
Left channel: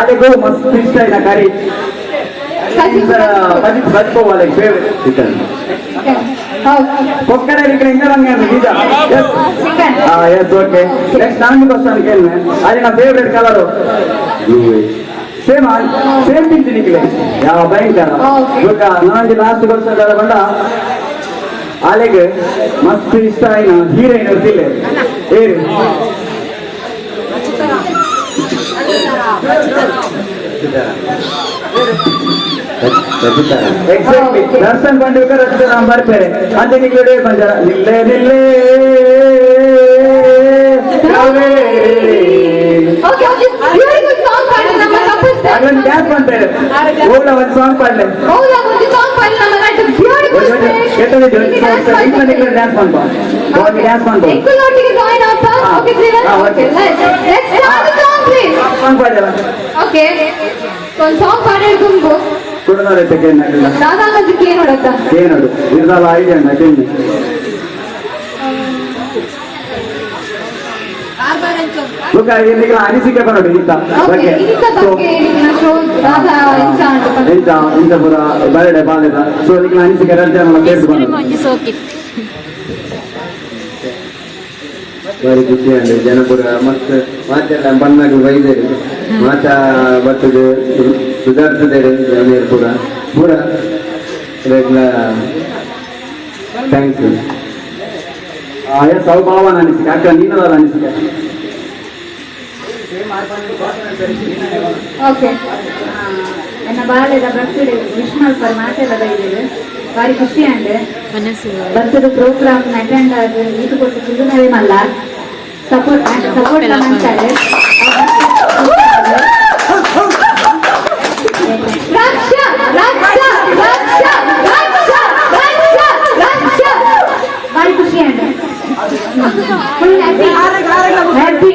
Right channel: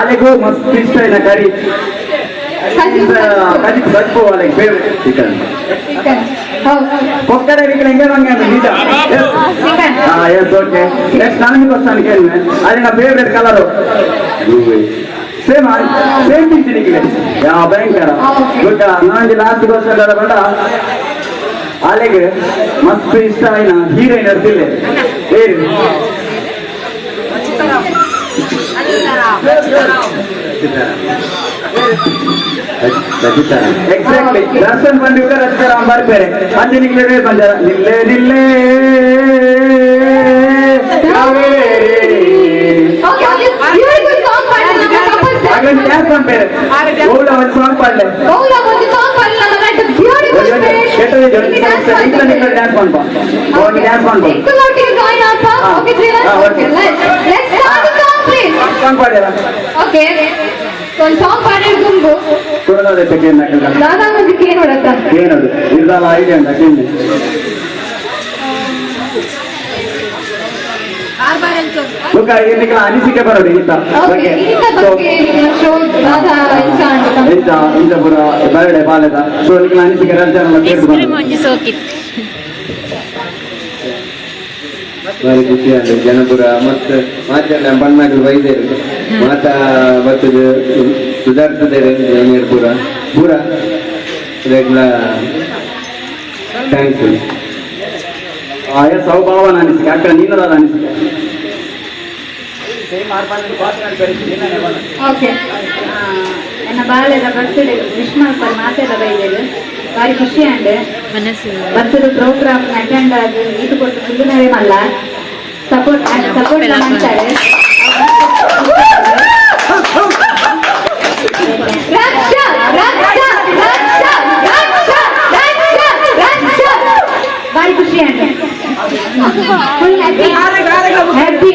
ಅಲ್ಲಿಗೂ ಮಸ್ತ್ ಇಷ್ಟ ಇನ್ನ ಕರಿ ಕಜಿತ್ ಬಚ್ಕೋవాలి ಫೇವ್ರೇಟ್ ಚಿಕನ್ ಒಕ್ಕಡೆ ಎಸ್ ಓಕೆ ನೆಕ್ಸ್ಟ್ ನಾನು ಕ್ವಶನ್ ಕೇಳಿದೆ ಅದನ್ನ ಫೇವ್ರೇಟ್ ಕಲರು ಸೇಮ್ ಸೇಮ್ ತಿಂತೀನಿ ಯಾವ ಭಯಂಕರ ಗೊತ್ತ ನನಗೆ ಲಾಸ್ಟ್ ಕ್ವಶನ್ ಎಲ್ಲ ಬಂದ ಅಲ್ಲಿಗೆ ಮಸ್ತ್ ಇಷ್ಟ ಆಯ್ನ ಹೀರೋಯಿನ್ ಇರ್ತಿಲ್ಲ ಏರಿ ಎಕ್ಸಾಕ್ಟ್ಲಿ ದರ್ಶನ್ ಬಂದಿದ್ದ ರಚಿತಾರಾಮ್ ಬರ್ಬೇರೆ ಮತ್ತೆ ನಿಖಿಲ ಬಂದಾರ ನಿಲ್ಲೇ ನಿಲ್ಲೇ ಡ್ಯಾನ್ಸ್ ಮಾಡ್ಬೇರೆ ಓಡ ಒಂದು ಸಾಂಗ್ ಪಾಡ್ಲೆ ಡ್ಯಾನ್ಸ್ ಮಾಡ್ಬಾ ಡ್ಯಾನ್ಸ್ ಮಾಡ್ಬಾ ಸಾಂಗ್ ಪಾಡ್ಯಾರ ಓಕೆ ಒಂದು ಸಾಂಗ್ ಪಾಡೋದು ತುಂಬು ದಾದಾ ಮಂದಿಗೆ ಏನು ಹೊಡತ್ತ ಏನದು ಇದೆಲ್ಲ ಐಡಿಯಾ ಉಂಟು ಅಕ್ಕೇನು ಬುಕ್ಕ ಎಲ್ಲಿಗೆ ಅನಿಸಿಕೆ ಬರೋದು ಇಂತ ಎಂತ ಇಂತ ಪುರ ಬರಡೆ ಬಾಲೆದ ಸೊ ನಿಮಗೆ ಅನಿಸಿಕೆ ಬಾರಿ ಖುಷಿಯಾಗಿ ಜನಪುರ ಮತ್ತು ಮಾತಾಡ ಬಣ್ಣಗ ವೈದ್ಯರು ಮಾತಾ ಬರ್ತದೆ ಸುಧಾರಿಸಿದ್ದಾರೆ ಜನರು ಪೂರ ಪೂರ ಥ್ಯಾಂಕ್ಸ್ ಎಸ್ ಅವು ಭಾವನ ಅನಿಸಿಕೆ ಅಕ್ಕ ನೀನದಾದ ಅನಿಸಿಕೆ ಓಕೆ ನನ್ನ ಬಾಲ್ಯದ ಬರ್ತ್ಡೇ ವಿಶ್ ಮಾಡ್ತಾರೆ ಮಾತೆಲ್ಲ ಬೈದೇರು ಬಾರಿ ಖುಷಿ ಅಂಡ್ ಬರ್ತ್ಡೇ ಪ್ರೋಗ್ರಾಮ್ ಅಟೆಂಡ್ ಆಗಿ ಇದು ಕೊಟ್ಟು ಸುಮ್ಮನೆ ಮಲ್ಲ ಸಪೋರ್ಟ್ ಮಾಡ್ತಾರೆ. ಬಾರಿ ಖುಷಿ ಅಂಡ್ ಹ್ಯಾಪಿ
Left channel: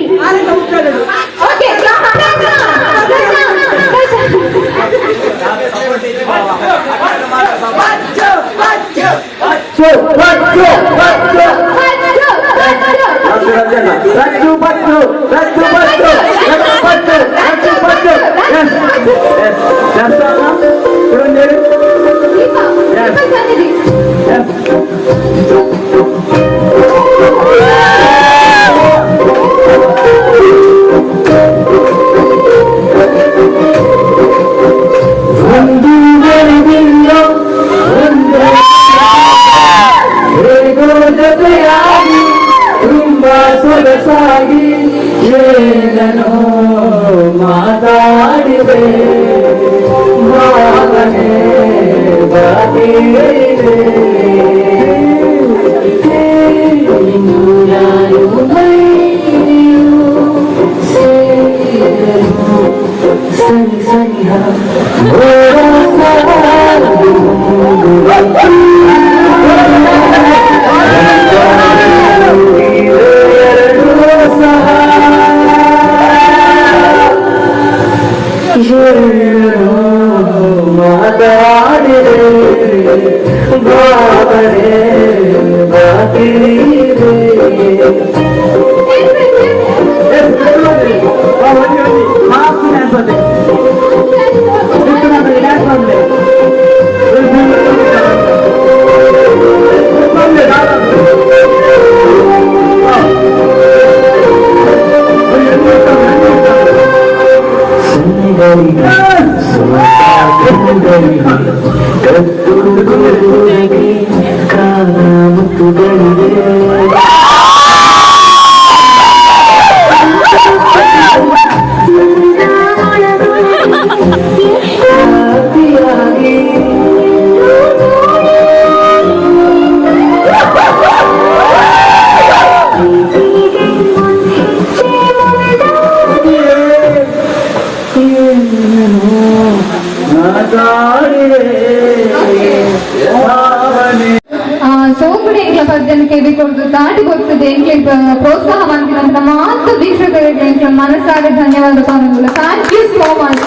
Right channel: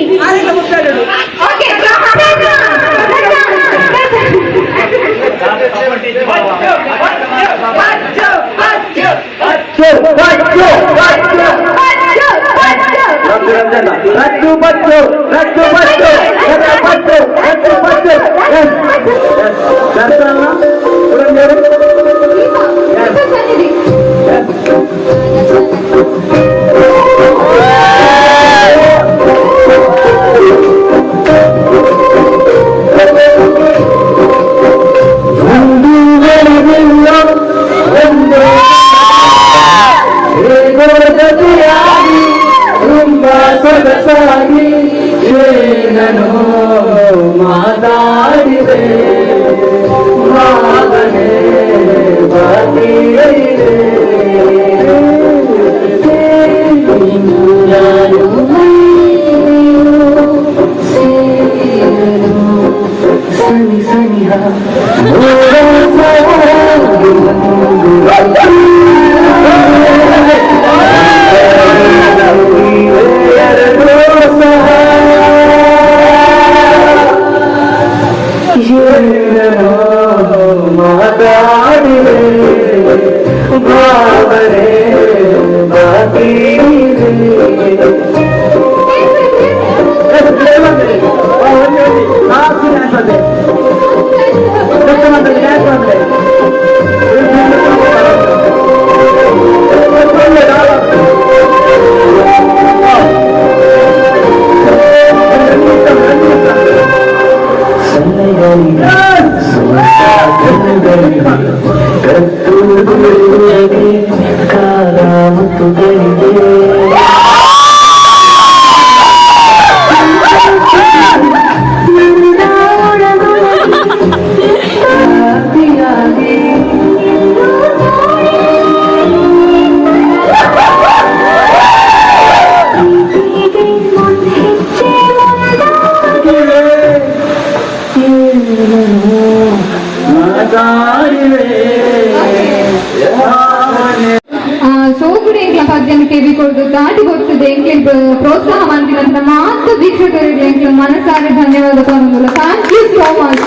ಕಿವಿ ಕೊಡ್ದು ದಾಟಿ ಗೊತ್ತದೆ ಎಂಕ್ಲೆ ಪ್ರೋತ್ಸಾಹ ಮಾಡ್ತೀರಂತ ಮಾತ್ರ ವೀಕ್ಷಕರಿಗೆ ಎಂಕ್ಲೆ ಮನಸಾರೆ ಧನ್ಯವಾದ ಪಾನಗುಲ. Thank you so much.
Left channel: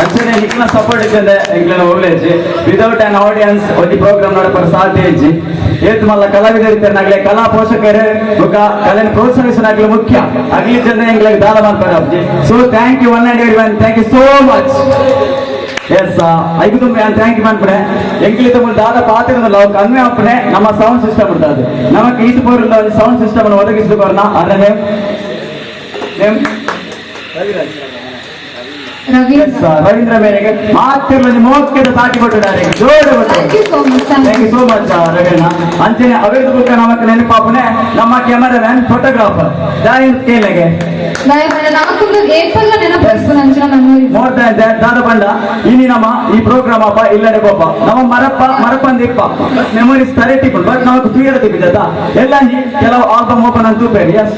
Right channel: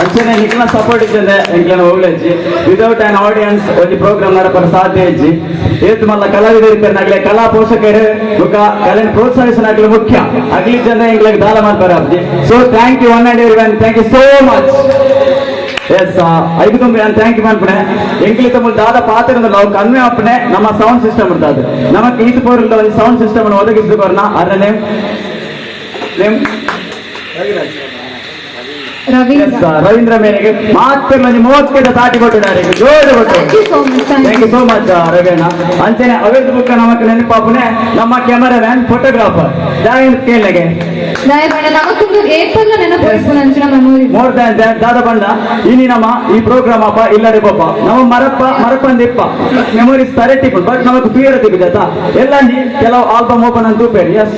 ಅಂಚನೆ ನಿಕ್ಲ ಸಪೋರ್ಟ್ ಇದ್ದಂದೆ ಎಂಕ್ಲನ ಒಳ್ಳೆಜಿ ವಿದೌಟ್ ಆನ್ ಆಡಿಯನ್ಸ್ ಒಂದು ಪ್ರೋಗ್ರಾಮ್ ನಡಪರ ಸಾಧ್ಯ ಇಜ್ಜಿ ಏತ್ ಮಲ್ಲ ಕಲಾವಿದರಿದ್ದಾಗಲೇ ಕಲಾ ಪೋಷಕರು ಬೊಕ ಕಲೆನ ಪ್ರೋತ್ಸಾಹಿಸನಾಗ್ಲಿ ಮುಖ್ಯ ಅಗ್ಲಿ ಜನ ಎಂಗ್ಲಿಗೆ ದಾನ ಮಾಡ್ತಾರೆ ಅಪ್ಜಿ. So thank you one and everyone, thank you so much. Yes ಐದು ತುಂಬಿ ನಾನು ಥ್ಯಾಂಕ್ ಯು ಮಾಡ್ಬಿಡೆ ಎಂಕ್ಲಿ ತುಂಬ ದಾದ ಪಾತ್ರದ ನಾವು ಕನ್ವೆ ಅಪ್ಪನೆ ನಮ್ಮ ಸೌಂಡ್ ಸಿಸ್ಟಮ್ ಇರ್ತದೆ ನಮಗೆ ಇದು ಪೂರ್ಣ ಒಂದು ಸೌಂಡ್ ಸಿಸ್ಟಮ್ ಅನ್ನು ಒದಗಿಸಿದ ಬರ್ನ ಅದ್ರ ನೇಮ್ ರವೀಂದ್ರ ಮೇನಿಗೆ ಮಾತ್ರ 30 ದಾಟಿ ಕೊಟ್ಟಿದ್ದಾರೆ. ಜೋರು thank you so much. Thank you so much Raveena. ಅಂಚನೆ ಅವೇದ ಬುಕ್ ನಮಕ್ ನೆನಪಾಪನೆ ನಮ್ಮ ಕ್ಯಾಮರಾಮ್ಯಾನ್ ಫೋಟೋಗ್ರಾಫರ್ ದಾಯನ್ ಕೇಳಿಗೆ ನಮಗೊಂದು ಏಪಲ್ಲ ನೆನಪಿಸ್ತು ಅಂಚಿನ ಮೆಮೊರಿ ಮೋರ್ ದ್ಯಾನ್ ದಟ್ ದಾದ ಬಂಡ ಇನಿ ನಮ್ಮ ಈ ಪ್ರೋಗ್ರಾಮ್ ಅಪ್ಪ ಇಲ್ಲದೆ ಪಾಪ ನಮ್ಮ ಮರಪ್ಪಂದಿಪ್ಪ ಮೆಮೊರೀಸ್ ತರೆಟಿಪ್ಪು ಬಟ್ ನಮಕ್ ಕ್ಲಿಯರ್ ತೆಗಿದತ್ತ ಎಲ್ಲ ಕೆಲವು ಆಲ್ಬಮ್ ಓಪನ್ ಅಂತ ತೂಪೇರಿ. ಎಸ್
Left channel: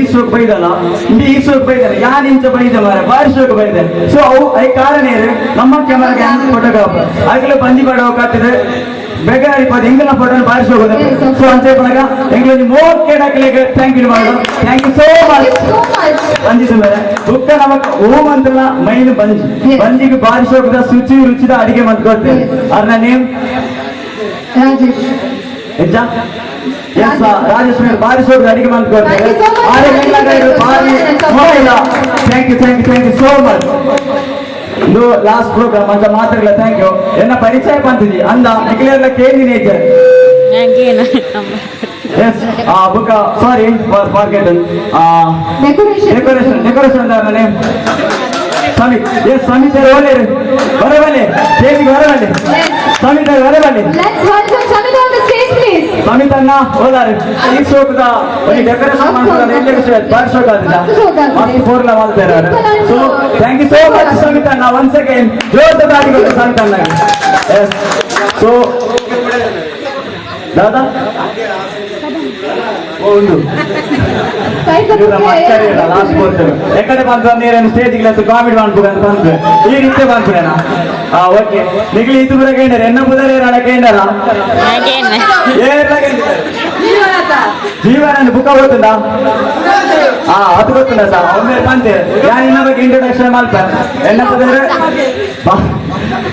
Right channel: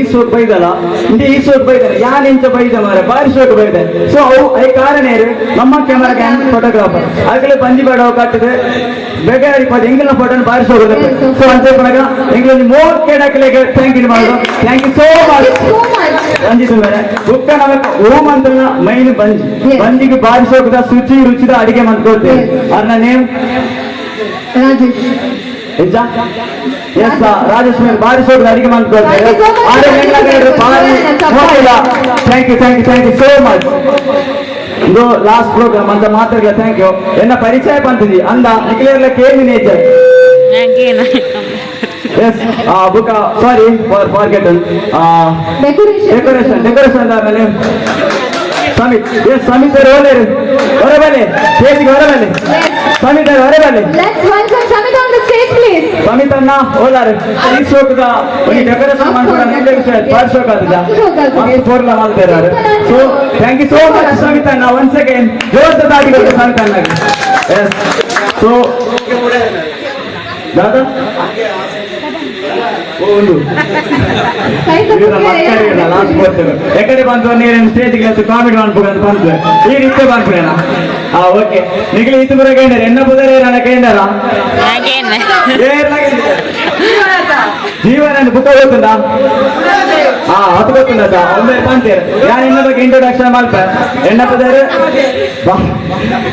ಈ ಶೋಕ್ ಬೈದಲ್ಲ ಇಂಡಿ ಈ ಶೋಕ್ ಬೈದಾರೆ ಯಾನ್ ಇಂಚ ಬೈದ ಮಾರೆ ಬಾರಿ ಶೋಕ್ ಬೈದೆ. ಸೊ ಅವು ಐ ಕಾರಣ ನಮ್ಮ ಕ್ಯಾಮರಾ ಫೋಟೋಗ್ರಾಫರ್ ಆಗಲೇ ಬಂಜಿ ಬಾಡೋ ಕಟ್ಟಿದೆ ಬೇಕಾದ್ರೆ ಎಂಗಿನ ಫೋಟೋ ಬಾರಿ ಶೋಕ್ ಬರುತ್ತೆ. ಸೊ ಅಂತ ಎಂಗ್ಲಲ್ಲಿ 30 ಡಾಕ್ಲೆಗೆ ಥ್ಯಾಂಕ್ ಯು ಮಾಡೋದು. Thank you so much. ಅಂಜಿದ್ರೆ ಬುಕ್ಕ ನಮಕ್ ಓಮ್ ಅಂತಲ್ಲ ಮೈನ್ ಬಂಜಿಗೆ ಬಾರಿ ಶೋಕದ ಶುಚಿ ರುಚಿದ ಅಡಿಗೆ ಮಾಡ್ಕೊಳ್ತೇವೆ. ಅದ್ರ ನೇಮ್ ರಾಜೇಶ್. ಎಸ್ ರಾಜೇಶ್ ಮೇಲೆ ಬಾರಿ ಶೋಕದ ಅಡಿಗೆ ಮಾಡ್ಕೊಳ್ತೇವೆ. Thank you so much. ಇದು ಲಾಸ್ಟ್ ಪ್ರೋಗ್ರಾಮ್ ಅಂತ ಮಾತಾಡಲ್ಲ. Thank you. ಎನ್ನ ಪರಿಚಯ ಬಂತಿದ್ದಿ ಅಂದ ನಿಖಿಲೆಲ್ಲ ಕೇಳಿನೇಜ್ ಎಸ್ ಬುಕ್ sorry for forgotten decoration name Samith. Yes Samith ಅವರು ಹೊರಬನ್ನಿ ಸ್ಟೇಜ್ಗೆ ಹೊರಬನ್ನಿ. ಸಮಿತ್ ಅವರು ಹೊರಬನ್ನಿ. ಸಮಿತ್ ಅನ್ನ ಹೋದಾರೆ ಈ ಶೋಕದ ಒಂದು ಡೆಕೋರೇಷನ್ ಮಾಡ್ತಾರೆ ಬಾರಿ ಶೋಕ ಆದ್ರೆ ಪೂರ್ಣ ಮಾಡ್ತಾರೆ. So thank you so much Samith ಅನ್ನ. ಒನ್ ಸೆಕೆಂಡ್ ಜೋರ್ದ ದಾಟಿಗಳು ಸಾಂಗ್ ಅನ್ನಾಗಿ. ಎಸ್ ಸೊ ದಾದಾ ಒಂದು ಎಕಡೆ ಬಂತು ನೀನು ಸ್ಟೇಜ್ಗೆ ಕಾಮಿಡಿ ಮಾಡ್ಬೇಕು ಬಂತು ಈ ರೀತಿ ಮಾಡ್ಬಿಡೋಣ. ಓಕೆ ನಿಗಲಿ ಇದು ಬರ ಕೇಂದ್ರ ಎನ್ನ ಬುಧರ ಕೇಂದ್ರಲ್ಲ ಜೀವನ ಬುಕ್ ಗೊತ್ತುಂಟಾ? ಅದು ಗೊತ್ತುಂಟ ಒಮ್ಮೆ ಬಂತೆ ಯಾರು ಇನ್ನ ಬಗ್ಗೆ ಇಂಟ್ರೊಡಕ್ಷನ್ ಮಾಡ್ತಾರೆ.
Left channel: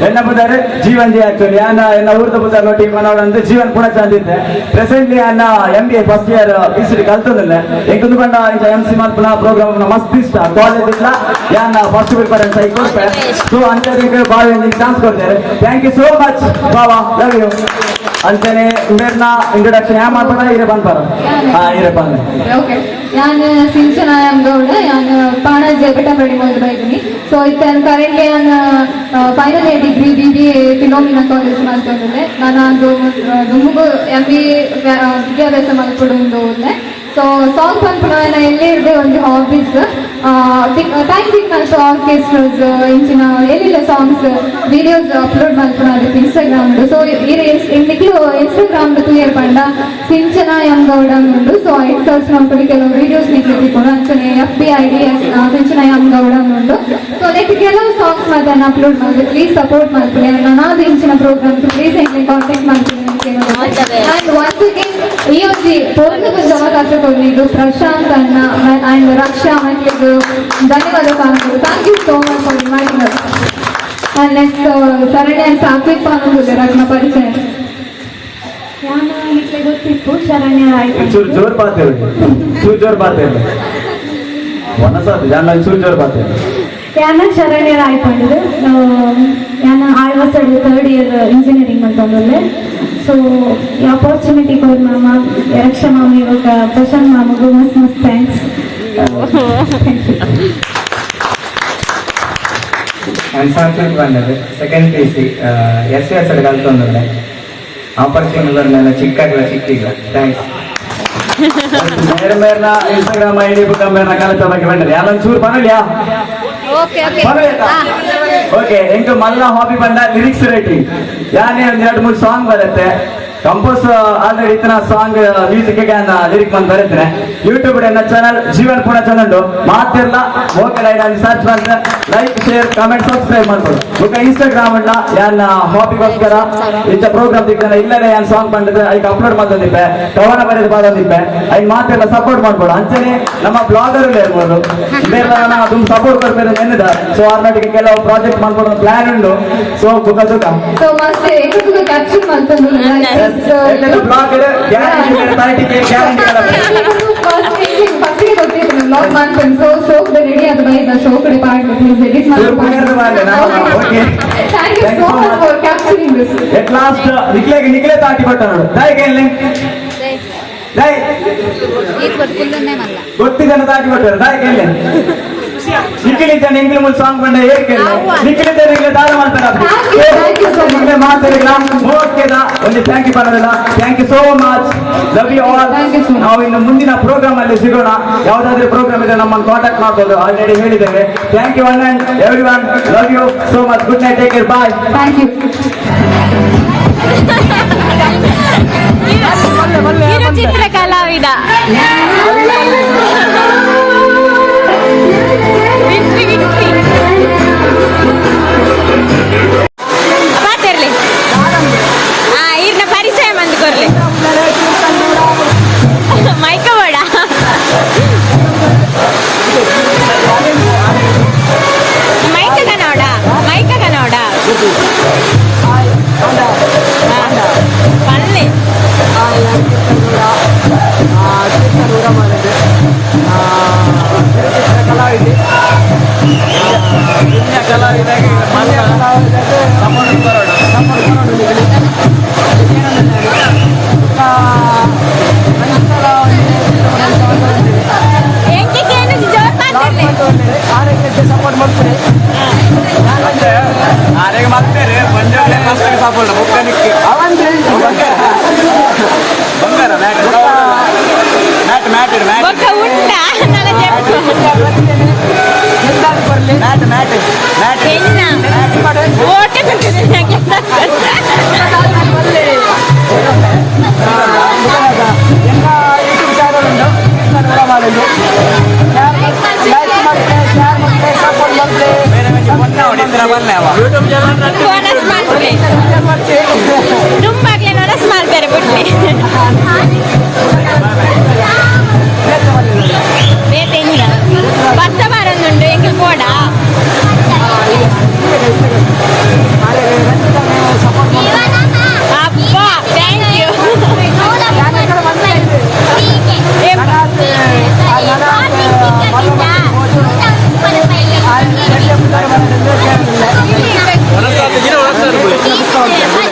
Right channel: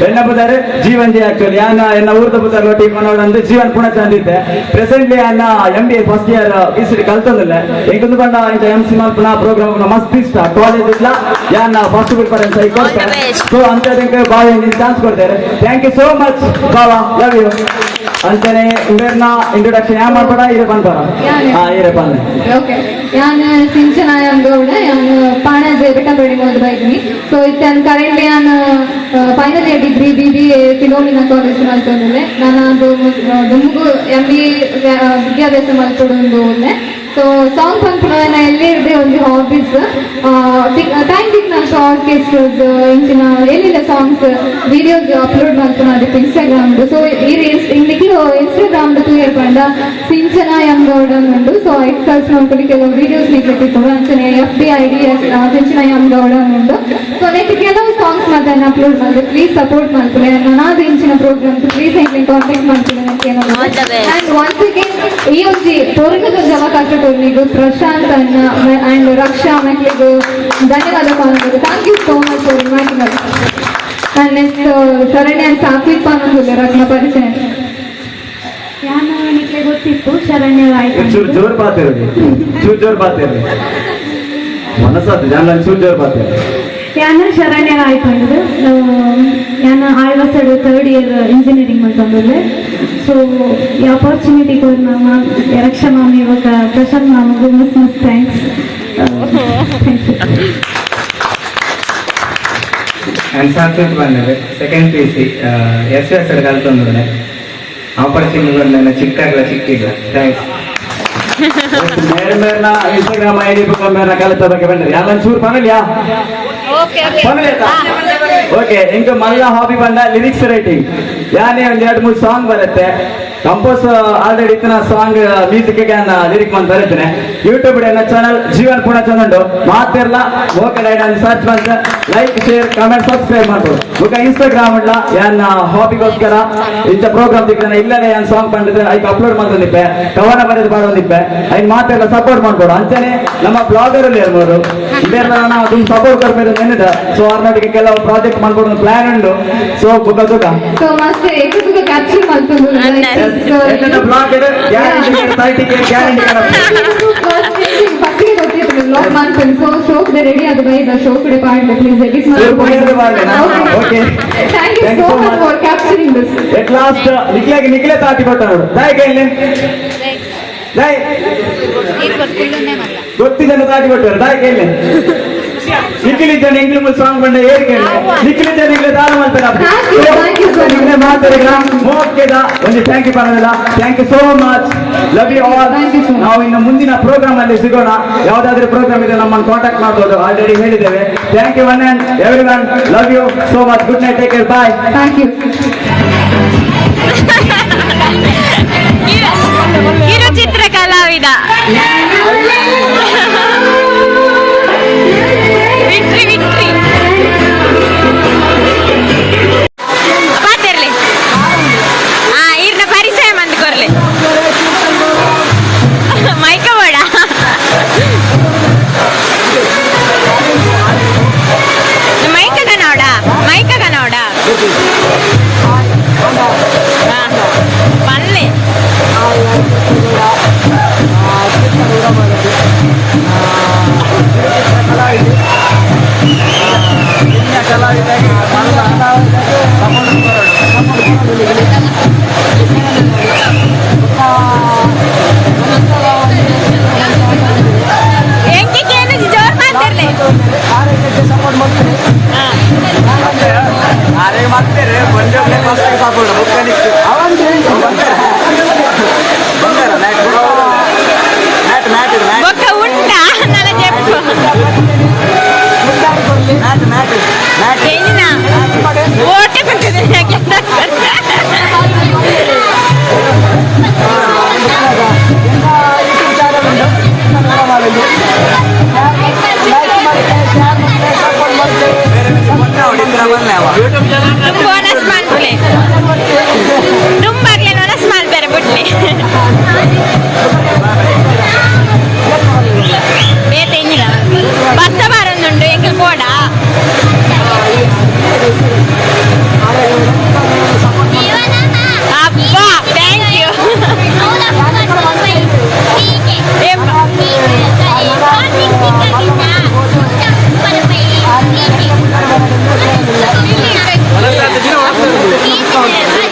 ಎನ್ನ ಬುಧಾರೆ ಜೀವನ್ ಜಿ ಆಕ್ಚುಲಿ ಯಾನ ಎನ್ನ ಊರ್ದ ಬುಧಾರ ಟೀಮ್ ಅನ್ನೋದು ಜೀವನ್ ಪುನಃ ಚಂದಿತ್ತೆ. ಪ್ರೆಸೆಂಟ್ಲಿ ಅನ್ನ MBA ಫಸ್ಟ್ ಇಯರ್ ಇಸ್ರಿ ಕಲ್ತದಿಲ್ಲ ಎಂಟು ಬಂಡ ಇಂತ MC ಮಾಡ್ತಾನ ಪ್ರೋಗ್ರಾಮ್ ಮಸ್ತ್ ಇಷ್ಟ ಕಾಲೇಜ್ ಇಲ್ಲ ಯಾನ ಫಸ್ಟ್ ಪ್ರಿಫರೆನ್ಸ್ ಐತೆ. ಸೊ ಅಂತ ಬಾಳೆ ಚಾನ್ಸ್ ಕೊಡ್ತಾರೆ. ಥ್ಯಾಂಕ್ ಯು ಸೋ ಮಚ್ ಬಾಬಾ, ಲವ್ ಯು. ಅಂತಾನೆ ಇಂಟರ್ನ ಇಂಟ್ರೊಡಕ್ಷನ್ ಯಾ ಮಾಡ್ತಾರ ಇರ ಬಂದ್ಬಾರ ಇರ ಬಂದ. ಓಕೆ ಯಾನ್ ಸಿಂಚನ ಗೌಡ ಯಾನ್ ಪಾಣಜೆ ಬೆಟ್ಟಬಡಿ ಓದ್ಬೈನಿ. ಸೊ ಇತ್ತನ್ ಕರೆಂಟ್ಲಿ ಯಾನ್ final year degree BBA phenomena college ಮಾಡ್ಕೊಂಡೆ. ನಾನು ದುಮ್ಗು MBA ವಿದ್ಯಾಭ್ಯಾಸ ಮಾಡ್ಕೊಂಡು ಹೋದೆ. ಸೊ ಸಾಂಗ್ ಪಂಪನ ಎಲ್ಲೇ ಇರದೆ ಒಂದು ಹಾಬೀಸ್ ಥ್ಯಾಂಕ್ ನಾನು ಆರ್ಕೆಸ್ಟ್ರಾಸ್ ಇಂಚಿನ ಏನಿಲ್ಲ ಸಾಂಗ್ಸ್ ವಿಡಿಯೋಸ್ ಅಪ್ಲೋಡ್ ಮಾಡ್ಕೊಂಡು ಅದಕ್ಕೆ ಇನ್ಸ್ಟಾಗ್ರಾಮ್. ಸೊ ಇಂದಿಗೂ ಇನ್ಸ್ಟಾಗ್ರಾಮ್ ಕ್ಲಿಯರ್ ಪಂಡ ಸಿಂಚನ ಗೌಡ ಉಂಟು. ಸೊ ಎಕ್ಸಲ್ಸ್ ಮಾಡ್ಕೊಂಡು ಕೆಲವು ವಿಡಿಯೋಸ್ ನಿಂತಿತ್ತು ಅಂಚನೆ FB ID ಸಿಂಚನ ಗೌಡ ಉಂಟು. ಸೊ ನೆಕ್ಸ್ಟ್ ಕೆಲವು ಸಾಂಗ್ಸ್ ಮಾತನ್ನ ಅಪ್ಲೋಡ್ ಮಾಡಿದೆ. ಪ್ಲೀಸ್ ಸಪೋರ್ಟ್ ಮಾಡ್ತೀನಿ. ನಾನಾದ ಇಂಚಿನ ಪ್ರೋಗ್ರಾಮ್ಸ್ ಪ್ಲೀಸ್ ಹೆಂಗೆ ಕಾಂಟ್ಯಾಕ್ಟ್ ಮಾಡ್ತೀನಿ ಅಂಡ್ ಒನ್ಸ್ ಅಗೇನ್ ಈ ಒಂದು ತೋರಿದ ಅವಕಾಶ ಕೊಡಲಿದ್ದು ಪ್ರಶಾಂತ್ ಅಣ್ಣ ಅಂಡ್ ರಕ್ಷಾ ಮಕ್ಕಳಿಗೂ ಧನ್ಯವಾದ ಕಾಣ್ಬೋದು. Thank you so much for inviting us. And next Sharanya and Sathvik ಪಾಂಡ್ರೆ ರತ್ನ ಪರಿಚಯ ನಾನು ನಿಮಗೆ ಗೊತ್ತಿತ್ತು. ಶರಣ್ಯ ಆಯ್ತು ಜೋರ್ ಪಾತೇವೆ ಮನಸ್ಸಾದ ಜಾನ ಜೋರ್ ಪಾತೇವೆ ಯಾನ ಶರಣ್ಯರ ಆಯ್ತು. ಯಾನ ಆಳ್ವಸಡು 3rd year ಇಂಜಿನಿಯರಿಂಗ್ ಮಾಡ್ಕೊಂಡ್ರೆ. ಸೊ ಈ ಆಪರ್ಚುನಿಟಿ ಕೊಡ್ ಮಾಮ ರಕ್ಷಾ ಮಾಮಿ ಇವಾಗ ಪ್ರಶಾಂತ್ ಮಾಮಗೂ ಮಸ್ತ್ ಥ್ಯಾಂಕ್ಸ್. ನಾನು ಸಾತ್ವಿಕ್ ಬಂದರೆ ಸೆಕೆಂಡ್ PUC SUS ಕಲ್ತ್ಕೊಂಡೆ. ಆಪರ್ಚುನಿಟಿಗಳನ್ನೆಲ್ಲ ಸಿಕ್ಕಿಲ್ಲ. ಥ್ಯಾಂಕ್ಸ್. ಮೇರೆ ಮೇರ್ನ ಇನ್ಸ್ಟಾಗ್ರಾಮ್ ID ಬುಕ್ ಮೇರ್ನ ಕಲಿತ ಬಗ್ಗೆ ಬಂದಿದೆ ಯಾರು ಚೂರು ಪನಲಿಯಾ ಓಕೆ ಎಂಟು ಮಲ್ಲ ಹಾಬಿ ಬಂದ ಲಿರಿಕ್ಸ್ ರೈಟಿಂಗ್ ಯಾನೇ ಒಂದ್ 2-3 ಸಾಂಗ್ ಬರುತ್ತೆ ಕಂಪೋಸ್ ಆಲ್ರೆಡಿ ಇತ್ತಿನ ಸಾಂಗ್ ಮ್ಯೂಸಿಕ್ ಲಿರಿಕ್ ಮಂತ್ ಬರೀತೇನೆ ಯೂಟ್ಯೂಬ್ ಚಾನಲ್ ಜೀವನ್ ಪುಣ ಚಾನಲ್ ಮಾತಿರ್ಲ ಮೋಕಲ್ ಐಡಲ್ಲಿ ಸರ್ಚ್ ಮಾಡಿದ್ರೆ ಲೈಕ್ ಶೇರ್ ಕಮೆಂಟ್ ಸಬ್ಸ್ಕ್ರೈಬ್ ಮಾಡ್ಬೋದು ಈಗ ಇನ್ಸ್ಟಾಗ್ರಾಮ್ ಉಂಡ ಯಾನ್ ಹಾಬಿಗೋಸ್ಕರ ಇಂಥ ಪ್ರೋಗ್ರಾಮ್ ದಿಕ್ಕನ ಇಲ್ಲೇ ಯಾನ್ ಸಾಂಗ್ ಬಂದಿದ್ರೆ ಐಕ್ ಅಪ್ಲೋಡ್ ಮಾಡ್ತಿದ್ದೆ ಕವನ ಬರೆದು ಬಂದಿದ್ದೆ ಐನ್ ಮಾತೆಲ್ಲ ಸಪೋರ್ಟ್ ಮಾಡ್ಬೋದು ಅಂತಾನೆ ನಮ್ಮ ಬ್ಲಾಗರ್ ಇರ್ಬೋದು ಅದೊಂದು ಸಪೋರ್ಟ್ ಕೊಡ್ಬೇಕು ಏನಿದೆ ಸೊ ಅವ್ರೊಟ್ಟಿಗೆ ಕೆಲವು ಪ್ರಾಜೆಕ್ಟ್ ಮಾಡ್ಬೋದು ಪ್ಲಾನ್ ಉಂಟು ಸೊ ಬುಗ ತುಕ ಸೊ ಮಸ್ತ್ ಏಕುಗ ಕ್ಯಾಪ್ಚರ್ ಮಾಡ್ತಾರೆ ಬ್ಲಾಗ್ ಇದೆ ಗ್ಯಾರಂಟಿ ಗ್ಯಾರಂಟಿ ಫಸ್ಟಿಗೆ ಗೊತ್ತಿತ್ತು ಬ್ಲಾಗ್ ಮಾಡ್ಕೊಂಡು ಸೊ ಶೋ ಕಡೆ ರೆಡಿ ಆದ ಬೈ ಶೋ ಕಡೆ ಪಾಡ್ಲಿ please edit thank you so much for capturing this at last ನಿಕ್ಲೆ ತಾಟಿ ಕೊಟ್ಟರು ದಯ ಕೇಳಿ ದಯ ಗೊತ್ತಿದ್ದನ್ನು ತಾಟಿ ಕೊಟ್ಟರು ದಯ ಕೇಳಿ ನಿಖಿಲಿದ್ದಾನೆ ಇಂಗ್ಲಿ ಮುಲ್ ಸಾಂಗ್ ಬಂದ ಹೇಳಿ ಕೇಳಿ ನಿಖಿಲಿದ್ದಾನೆ ನಿಗ್ಲೆ ದಾನ ಮಾಡ್ತಾರೆ ಮಾತಾಡಿಲ್ಲ ಓಕೆದ ಒಂದು ಥ್ಯಾಂಕ್ ಯು ಬರೋದಿಲ್ಲ thank you so much love you all ನಾವು ಇನ್ನು ಮುಂದಿನ ಪ್ರೋಗ್ರಾಮ್ ಅಲ್ಲಿ ಸಿಗೋಣ ಯಾವ್ದಾದ್ರು ಪ್ರೋಗ್ರಾಮ್ ಇದೆ ನಮ್ಮನ್ನು ಕಾಂಟ್ಯಾಕ್ಟ್ ಮಾಡ್ಬೋದು ಆಲ್ರೆಡಿ ಹೇಳಿದ್ದೇವೆ thank you one and every one love you so much good night take care bye thank you ಕಿರುಚಿತ್ರ ಕಲಾವಿದ ವಿಕ್ಟ್ರಿ ವಿಕ್ಟ್ರಿ ಪಾತಿರ್ಲಿ ಇರ್ನ ಪರಿಚಯ ಮಂದಿ ಕೊರ್ಲಿ ಮೈಕ ಬೋಡ ಮೈಕ ನೋಡ ಪಲ್ಲೆ ಎಂಕಿಗೇನು ಜೋರ್ ಮಾತಿರ್ಲಿ ಸಪೋರ್ಟ್ ಮಾಡ್ತಾರೆ బొక్క ఉండా నన్ను చెప్పు ఏంటినా ఓటే ఉంటుంది